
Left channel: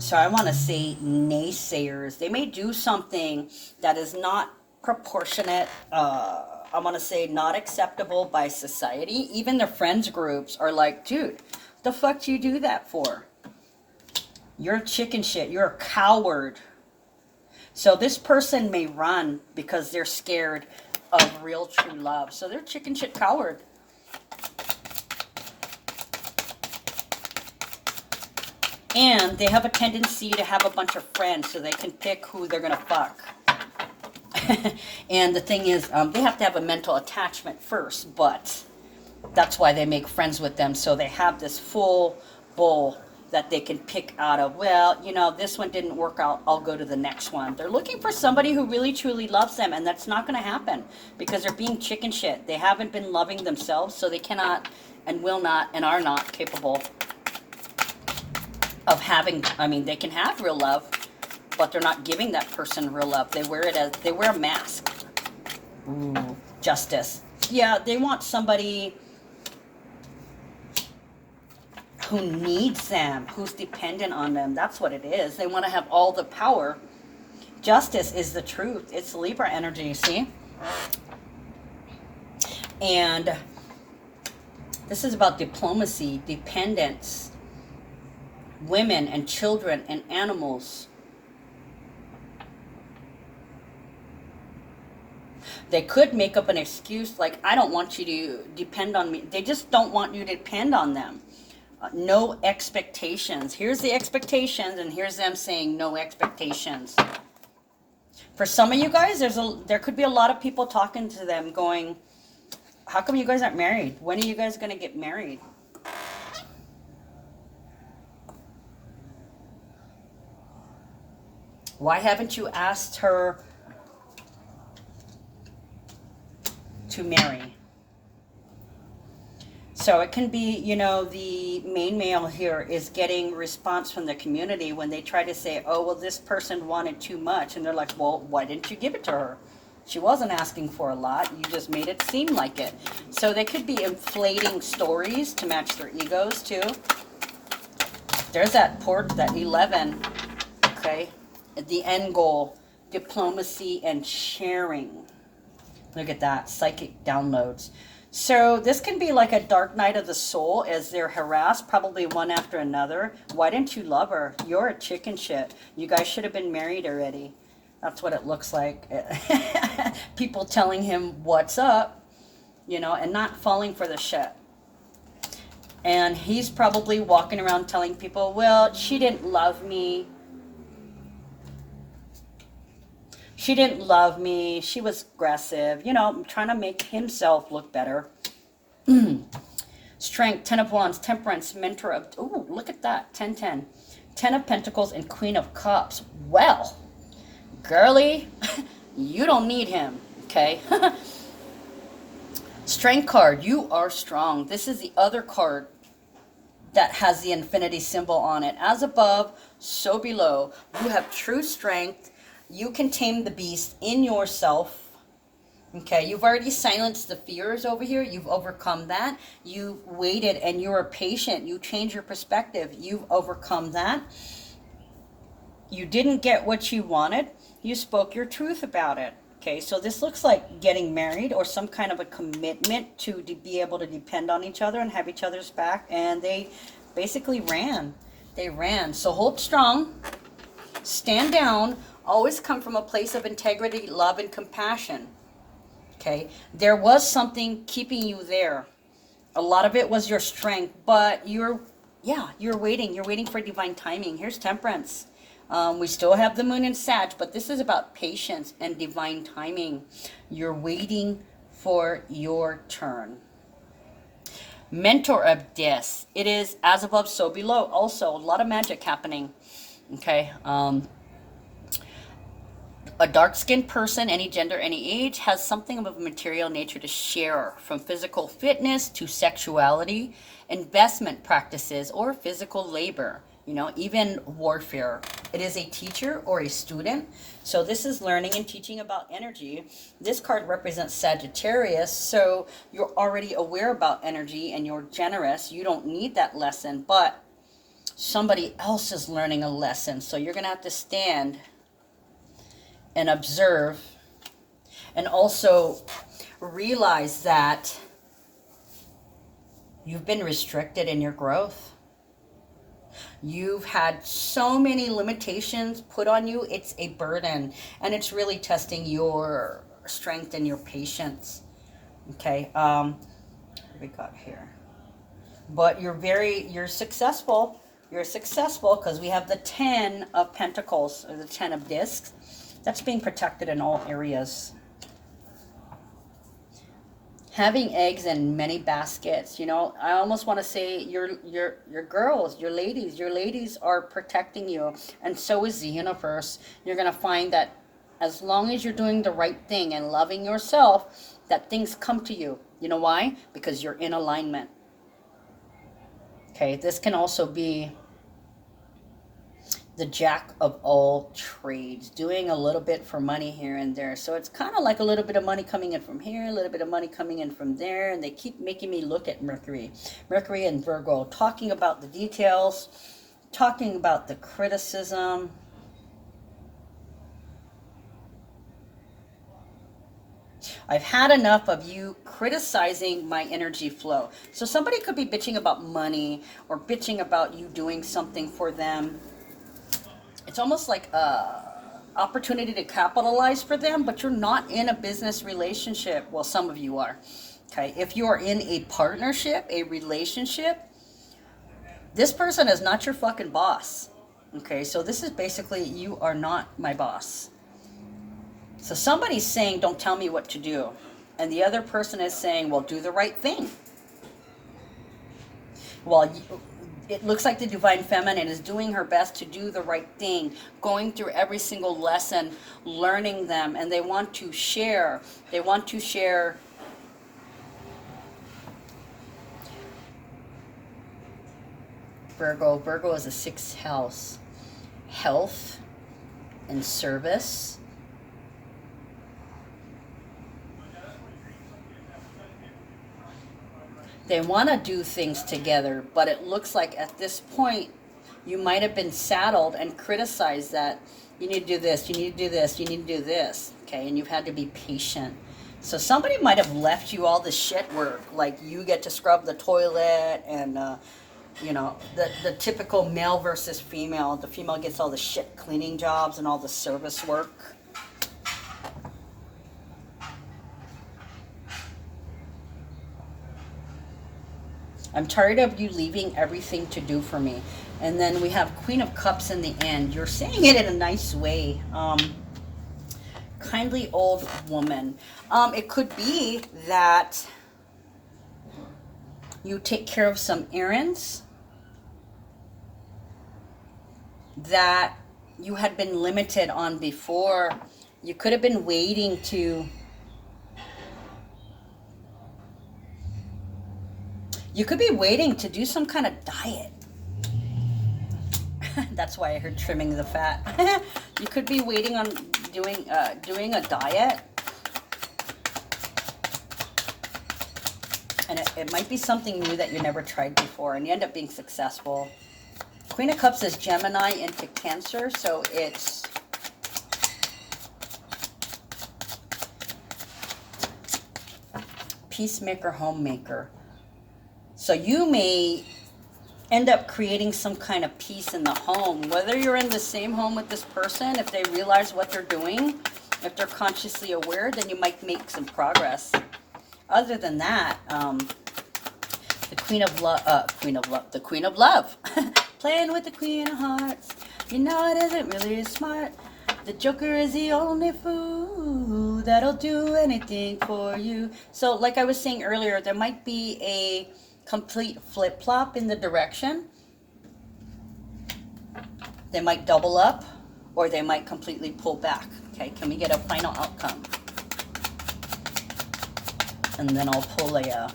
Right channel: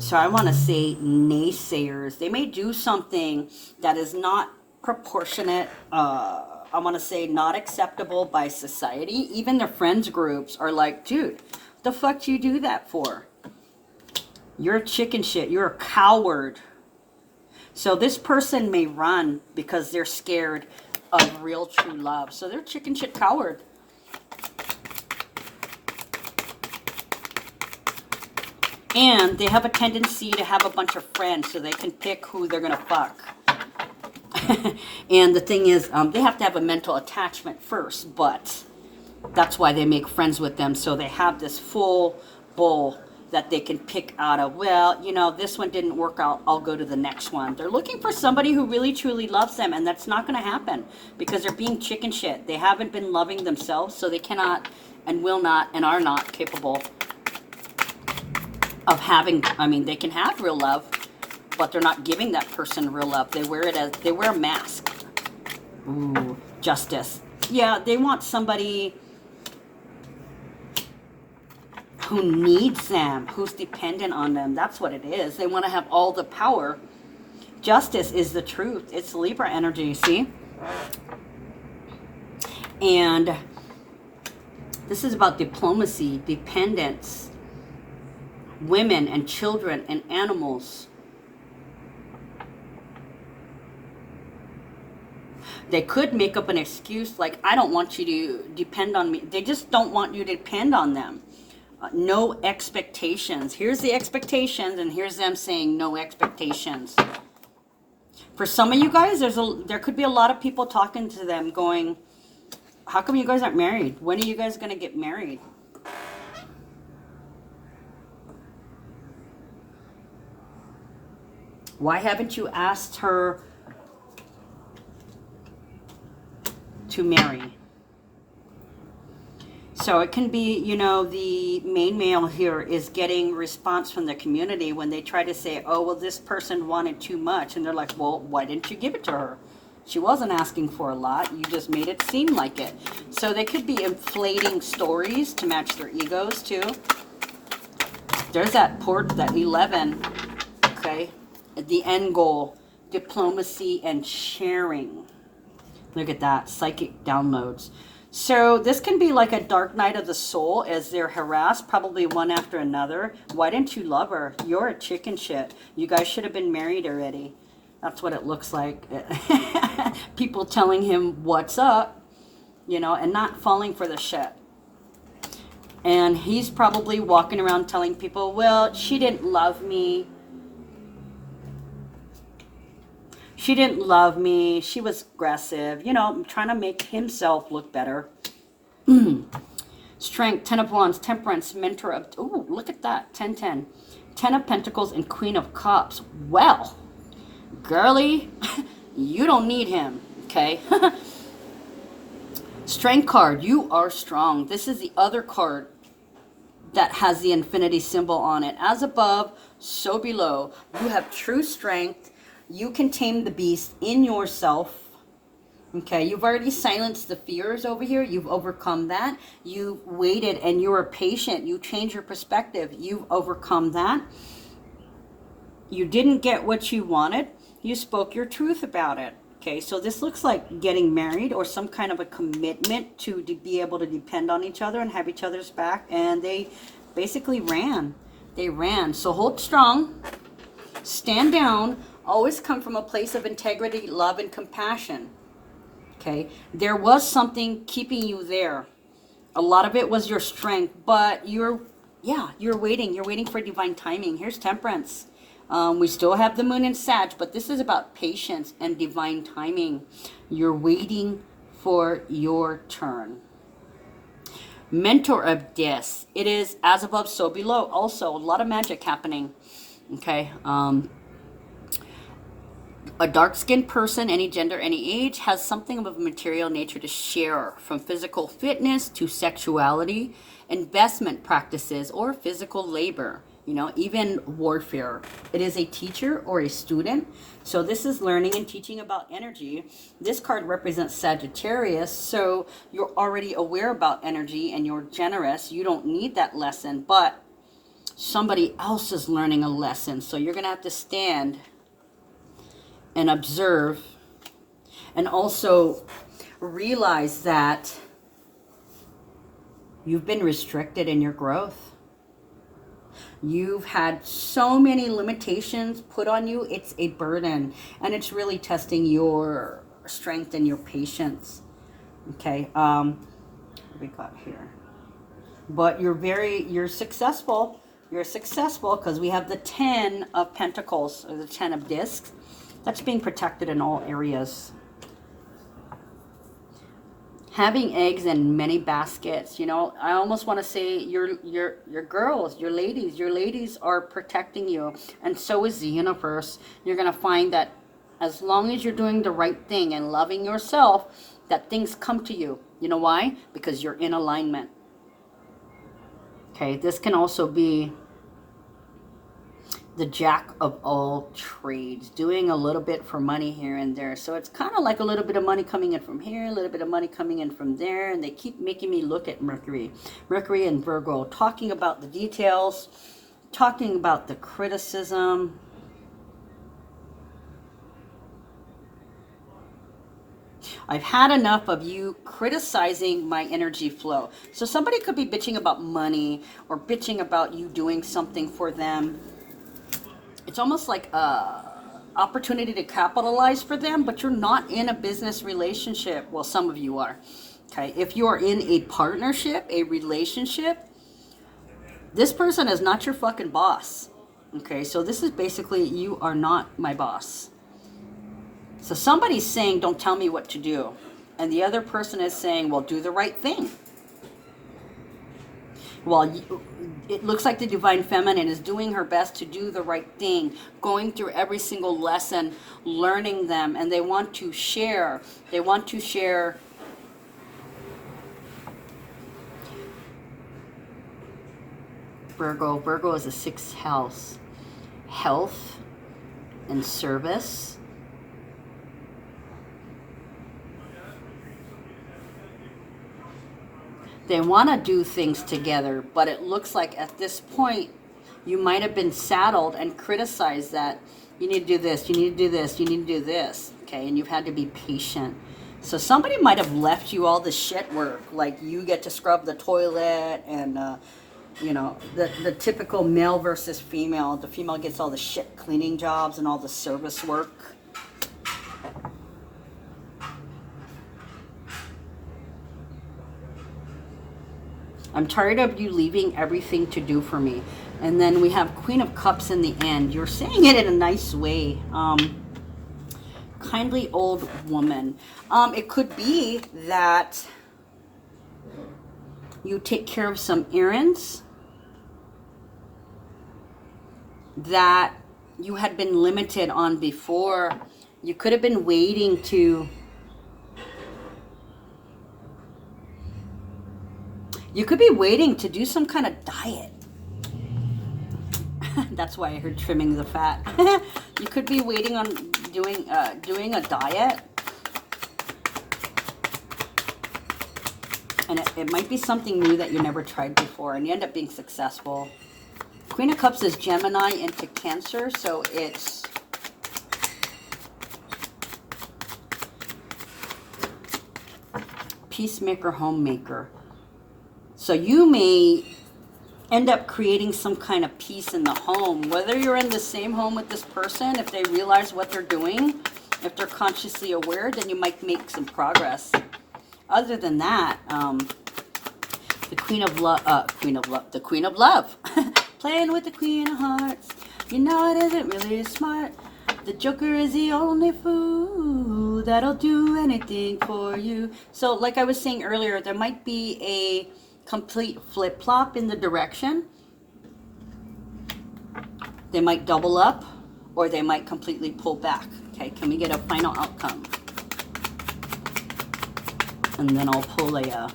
So I want to say naysayers. They may do something that is not proportionate. I want to say not acceptable by society. Even their friends groups are like, dude, the fuck do you do that for? You're chicken shit. You're a coward. So this person may run because they're scared of real true love. So they're chicken shit coward. And they have a tendency to have a bunch of friends so they can pick who they're going to fuck. And the thing is, they have to have a mental attachment first, but that's why they make friends with them. So they have this full bowl that they can pick out of. Well, you know, this one didn't work out. I'll go to the next one. They're looking for somebody who really truly loves them, and that's not going to happen because they're being chicken shit. They haven't been loving themselves, so they cannot and will not and are not capable of having, I mean, they can have real love, but they're not giving that person real love. They wear a mask. Ooh, justice. Yeah, they want somebody who needs them, who's dependent on them. That's what it is. They want to have all the power. Justice is the truth. It's Libra energy, see? And this is about diplomacy, dependence, women and children and animals. They could make up an excuse like, I don't want you to depend on me. They just don't want you to depend on them. No expectations. Here's the expectations, and here's them saying no expectations. For some of you guys, there could be a lot of people talking to them going, how come you guys aren't married? When are you guys going to get married? Why haven't you asked her to marry? So it can be, you know, the main male here is getting response from the community when they try to say, oh, well, this person wanted too much. And they're like, well, why didn't you give it to her? She wasn't asking for a lot. You just made it seem like it. So they could be inflating stories to match their egos too. There's that 11. Okay. the end goal, diplomacy and sharing. Look at that, psychic downloads. So this can be like a dark night of the soul as they're harassed, probably one after another. Why didn't you love her? You're a chicken shit. You guys should have been married already. That's what it looks like. People telling him what's up, you know, and not falling for the shit. And he's probably walking around telling people, well, she didn't love me. She didn't love me. She was aggressive. You know, trying to make himself look better. Strength, 10 of Wands, Temperance, Mentor of... Ooh, look at that. 10-10. 10 of Pentacles and Queen of Cups. Well, girly, you don't need him, okay? Strength card. You are strong. This is the other card that has the infinity symbol on it. As above, so below. You have true strength. You can tame the beast in yourself. Okay, you've already silenced the fears over here. You've overcome that. You've waited and you were patient. You changed your perspective. You've overcome that. You didn't get what you wanted. You spoke your truth about it. Okay, so this looks like getting married or some kind of a commitment to be able to depend on each other and have each other's back. And they basically ran. They ran. So hold strong. Stand down. Always come from a place of integrity, love, and compassion. Okay, there was something keeping you there. A lot of it was your strength, but you're waiting. You're waiting for divine timing. Here's Temperance. We still have the moon in Sag, but this is about patience and divine timing. You're waiting for your turn. Mentor of This. It is as above, so below. Also, a lot of magic happening. Okay, a dark-skinned person, any gender, any age, has something of a material nature to share, from physical fitness to sexuality, investment practices, or physical labor, you know, even warfare. It is a teacher or a student. So this is learning and teaching about energy. This card represents Sagittarius, so you're already aware about energy and you're generous. You don't need that lesson, but somebody else is learning a lesson. So you're going to have to stand and observe, and also realize that you've been restricted in your growth. You've had so many limitations put on you. It's a burden, and it's really testing your strength and your patience. Okay, what we got here? But you're successful. You're successful because we have the 10 of Pentacles, or the 10 of Discs. That's being protected in all areas. Having eggs in many baskets, you know, I almost want to say your girls, your ladies are protecting you, and so is the universe. You're going to find that as long as you're doing the right thing and loving yourself, that things come to you. You know why? Because you're in alignment. Okay, this can also be the jack of all trades, doing a little bit for money here and there. So it's kind of like a little bit of money coming in from here, a little bit of money coming in from there, and they keep making me look at Mercury and Virgo, talking about the details, talking about the criticism. I've had enough of you criticizing my energy flow. So somebody could be bitching about money or bitching about you doing something for them. It's almost like a opportunity to capitalize for them, but you're not in a business relationship. Well, some of you are. Okay, if you are in a partnership, a relationship, this person is not your fucking boss. Okay, so this is basically, you are not my boss. So somebody's saying, don't tell me what to do. And the other person is saying, well, do the right thing. Well, it looks like the Divine Feminine is doing her best to do the right thing, going through every single lesson, learning them, and they want to share. They want to share Virgo. Virgo is the 6th house. Health and service. They want to do things together, but it looks like at this point you might have been saddled and criticized that You need to do this, you need to do this, you need to do this. Okay, and you've had to be patient. So somebody might have left you all the shit work, like you get to scrub the toilet and, you know, the typical male versus female. The female gets all the shit cleaning jobs and all the service work. I'm tired of you leaving everything to do for me. And then we have Queen of Cups in the end. You're saying it in a nice way. Kindly old woman. It could be that you take care of some errands that you had been limited on before. You could have been waiting to... You could be waiting to do some kind of diet. That's why I heard trimming the fat. You could be waiting on doing a diet. And it might be something new that you never tried before, and you end up being successful. Queen of Cups is Gemini into Cancer, so it's... Peacemaker, homemaker. So you may end up creating some kind of peace in the home. Whether you're in the same home with this person, if they realize what they're doing, if they're consciously aware, then you might make some progress. Other than that, the Queen of Love, playing with the Queen of Hearts. You know it isn't really smart. The Joker is the only fool that'll do anything for you. So, like I was saying earlier, there might be a complete flip-flop in the direction. They might double up, or they might completely pull back. Okay, can we get a final outcome? And then I'll pull a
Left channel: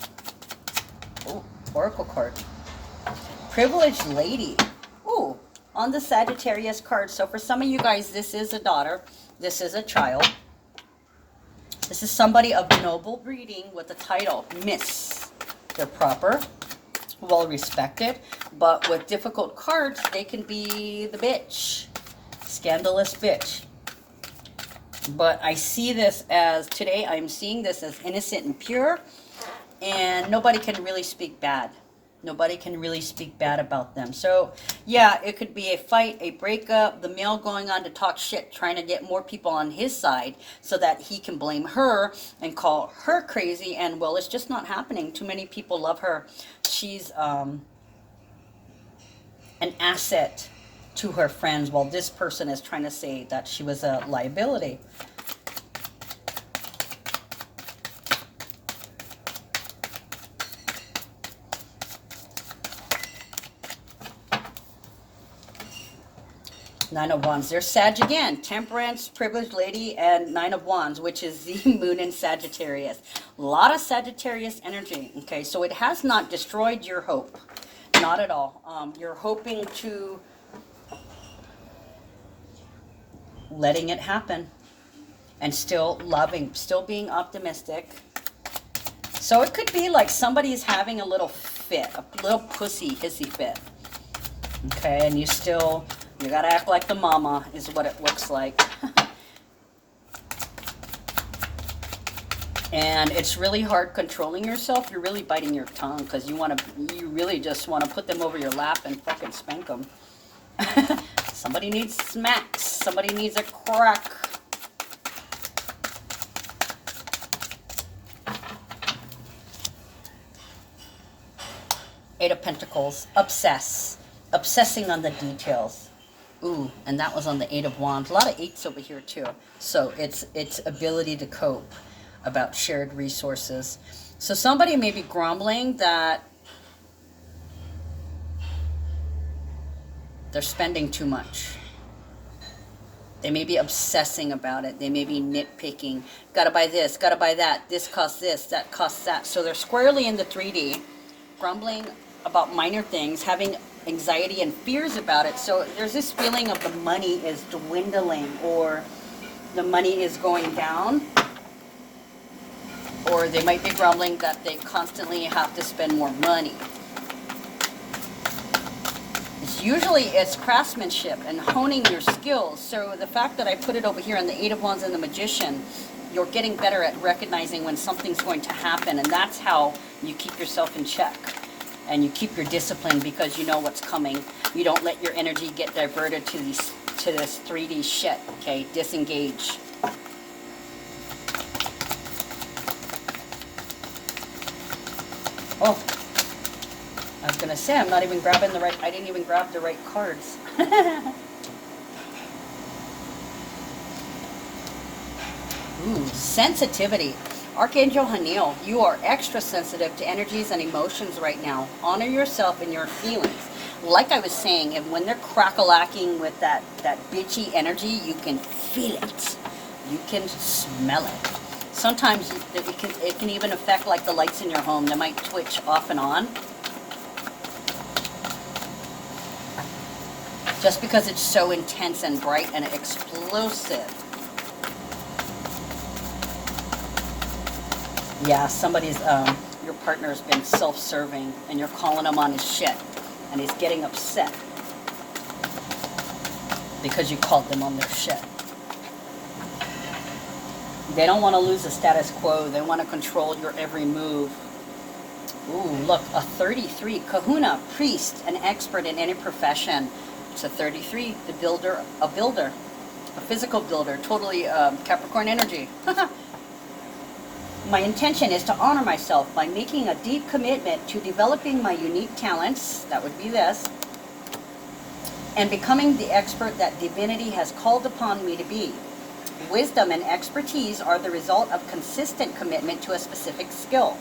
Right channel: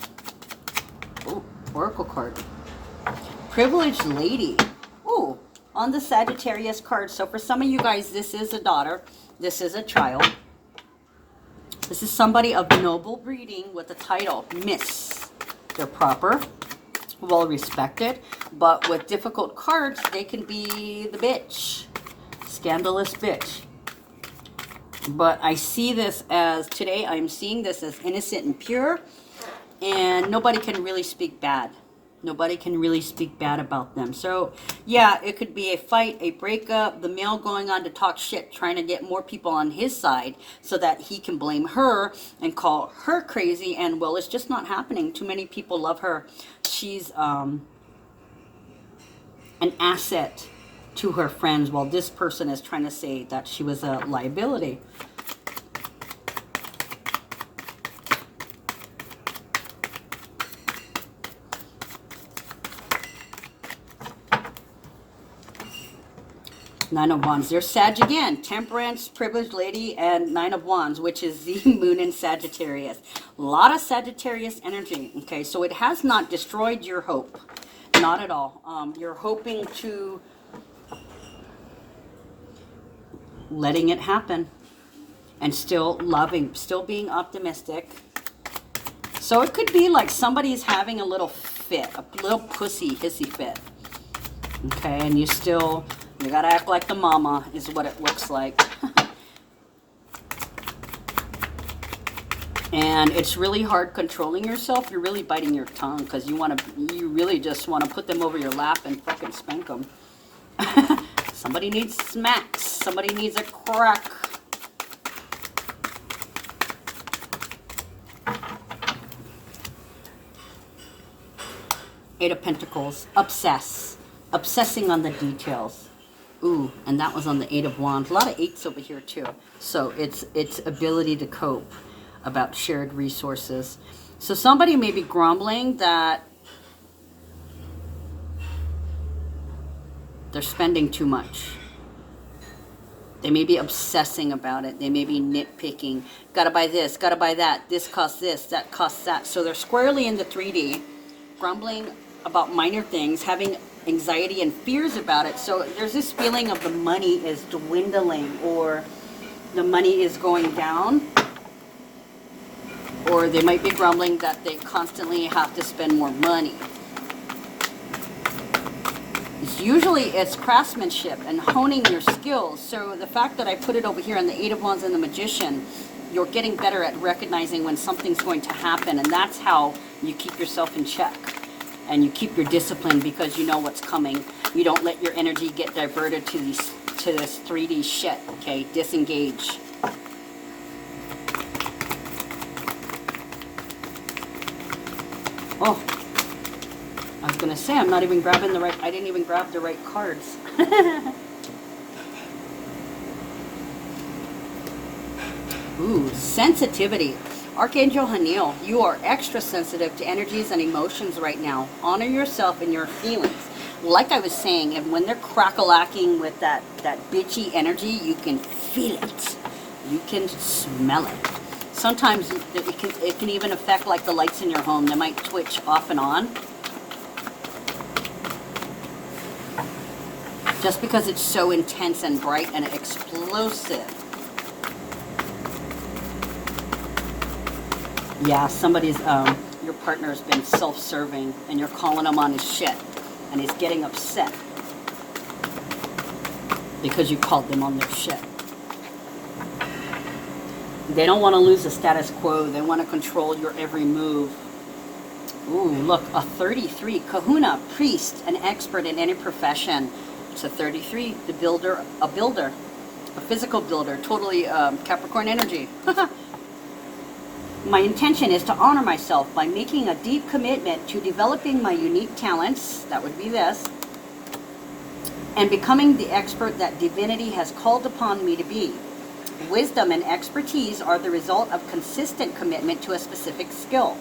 oracle card. Privileged lady. Ooh, on the Sagittarius card. So for some of you guys, this is a daughter. This is a child. This is somebody of noble breeding with the title Miss. They're proper, well respected, but with difficult cards, they can be the bitch. Scandalous bitch. But I see this as, today I'm seeing this as innocent and pure, and nobody can really speak bad. Nobody can really speak bad about them. So, yeah, it could be a fight, a breakup, the male going on to talk shit, trying to get more people on his side so that he can blame her and call her crazy. And, well, it's just not happening. Too many people love her. She's an asset to her friends, while this person is trying to say that she was a liability. Nine of Wands. There's Sag again. Temperance, privileged lady, and Nine of Wands, which is the moon in Sagittarius. A lot of Sagittarius energy. Okay, so it has not destroyed your hope. Not at all. You're hoping to letting it happen and still loving, still being optimistic. So it could be like somebody's having a little fit, a little pussy hissy fit. Okay, and you still... You gotta act like the mama is what it looks like. And it's really hard controlling yourself. You're really biting your tongue because you really just want to put them over your lap and fucking spank them. Somebody needs smacks. Somebody needs a crack. Eight of Pentacles. Obsess. Obsessing on the details. Ooh, and that was on the Eight of Wands. A lot of eights over here too. So it's ability to cope, about shared resources. So somebody may be grumbling that they're spending too much. They may be obsessing about it. They may be nitpicking. Gotta buy this, gotta buy that. This costs this, that costs that. So they're squarely in the 3D, grumbling about minor things, having anxiety and fears about it. So there's this feeling of the money is dwindling, or the money is going down, or they might be grumbling that they constantly have to spend more money. Usually it's craftsmanship and honing your skills. So the fact that I put it over here on the Eight of Wands and the Magician, you're getting better at recognizing when something's going to happen, and that's how you keep yourself in check. And you keep your discipline because you know what's coming. You don't let your energy get diverted to this 3D shit, okay? Disengage. Oh, I was gonna say, I'm not even grabbing the right, I didn't even grab the right cards. Ooh, sensitivity. Archangel Haniel, you are extra sensitive to energies and emotions right now. Honor yourself and your feelings. Like I was saying, and when they're crack-a-lacking with that bitchy energy, you can feel it. You can smell it. Sometimes it can even affect like the lights in your home. They might twitch off and on. Just because it's so intense and bright and explosive. Yeah, somebody's, your partner has been self-serving and you're calling him on his shit and he's getting upset because you called them on their shit. They don't want to lose the status quo. They want to control your every move. Ooh, look, a 33. Kahuna, priest, an expert in any profession. It's a 33, the builder, a physical builder, totally Capricorn energy. My intention is to honor myself by making a deep commitment to developing my unique talents, that would be this, and becoming the expert that divinity has called upon me to be. Wisdom and expertise are the result of consistent commitment to a specific skill.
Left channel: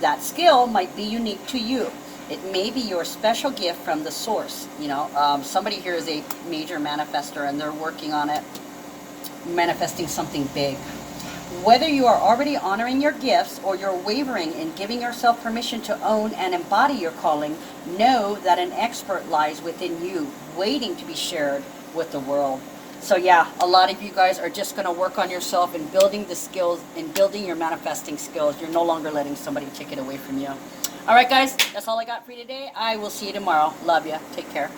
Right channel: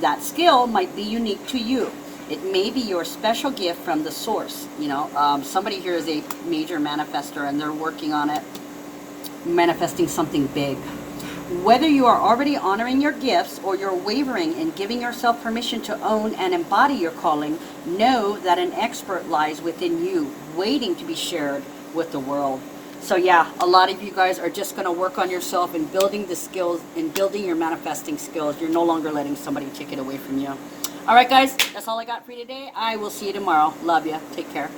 That skill might be unique to you. It may be your special gift from the source. You know, somebody here is a major manifester and they're working on it, manifesting something big. Whether you are already honoring your gifts or you're wavering in giving yourself permission to own and embody your calling, know that an expert lies within you, waiting to be shared with the world. So yeah, a lot of you guys are just going to work on yourself and building the skills and building your manifesting skills. You're no longer letting somebody take it away from you. All right, guys, that's all I got for you today. I will see you tomorrow. Love you. Take care.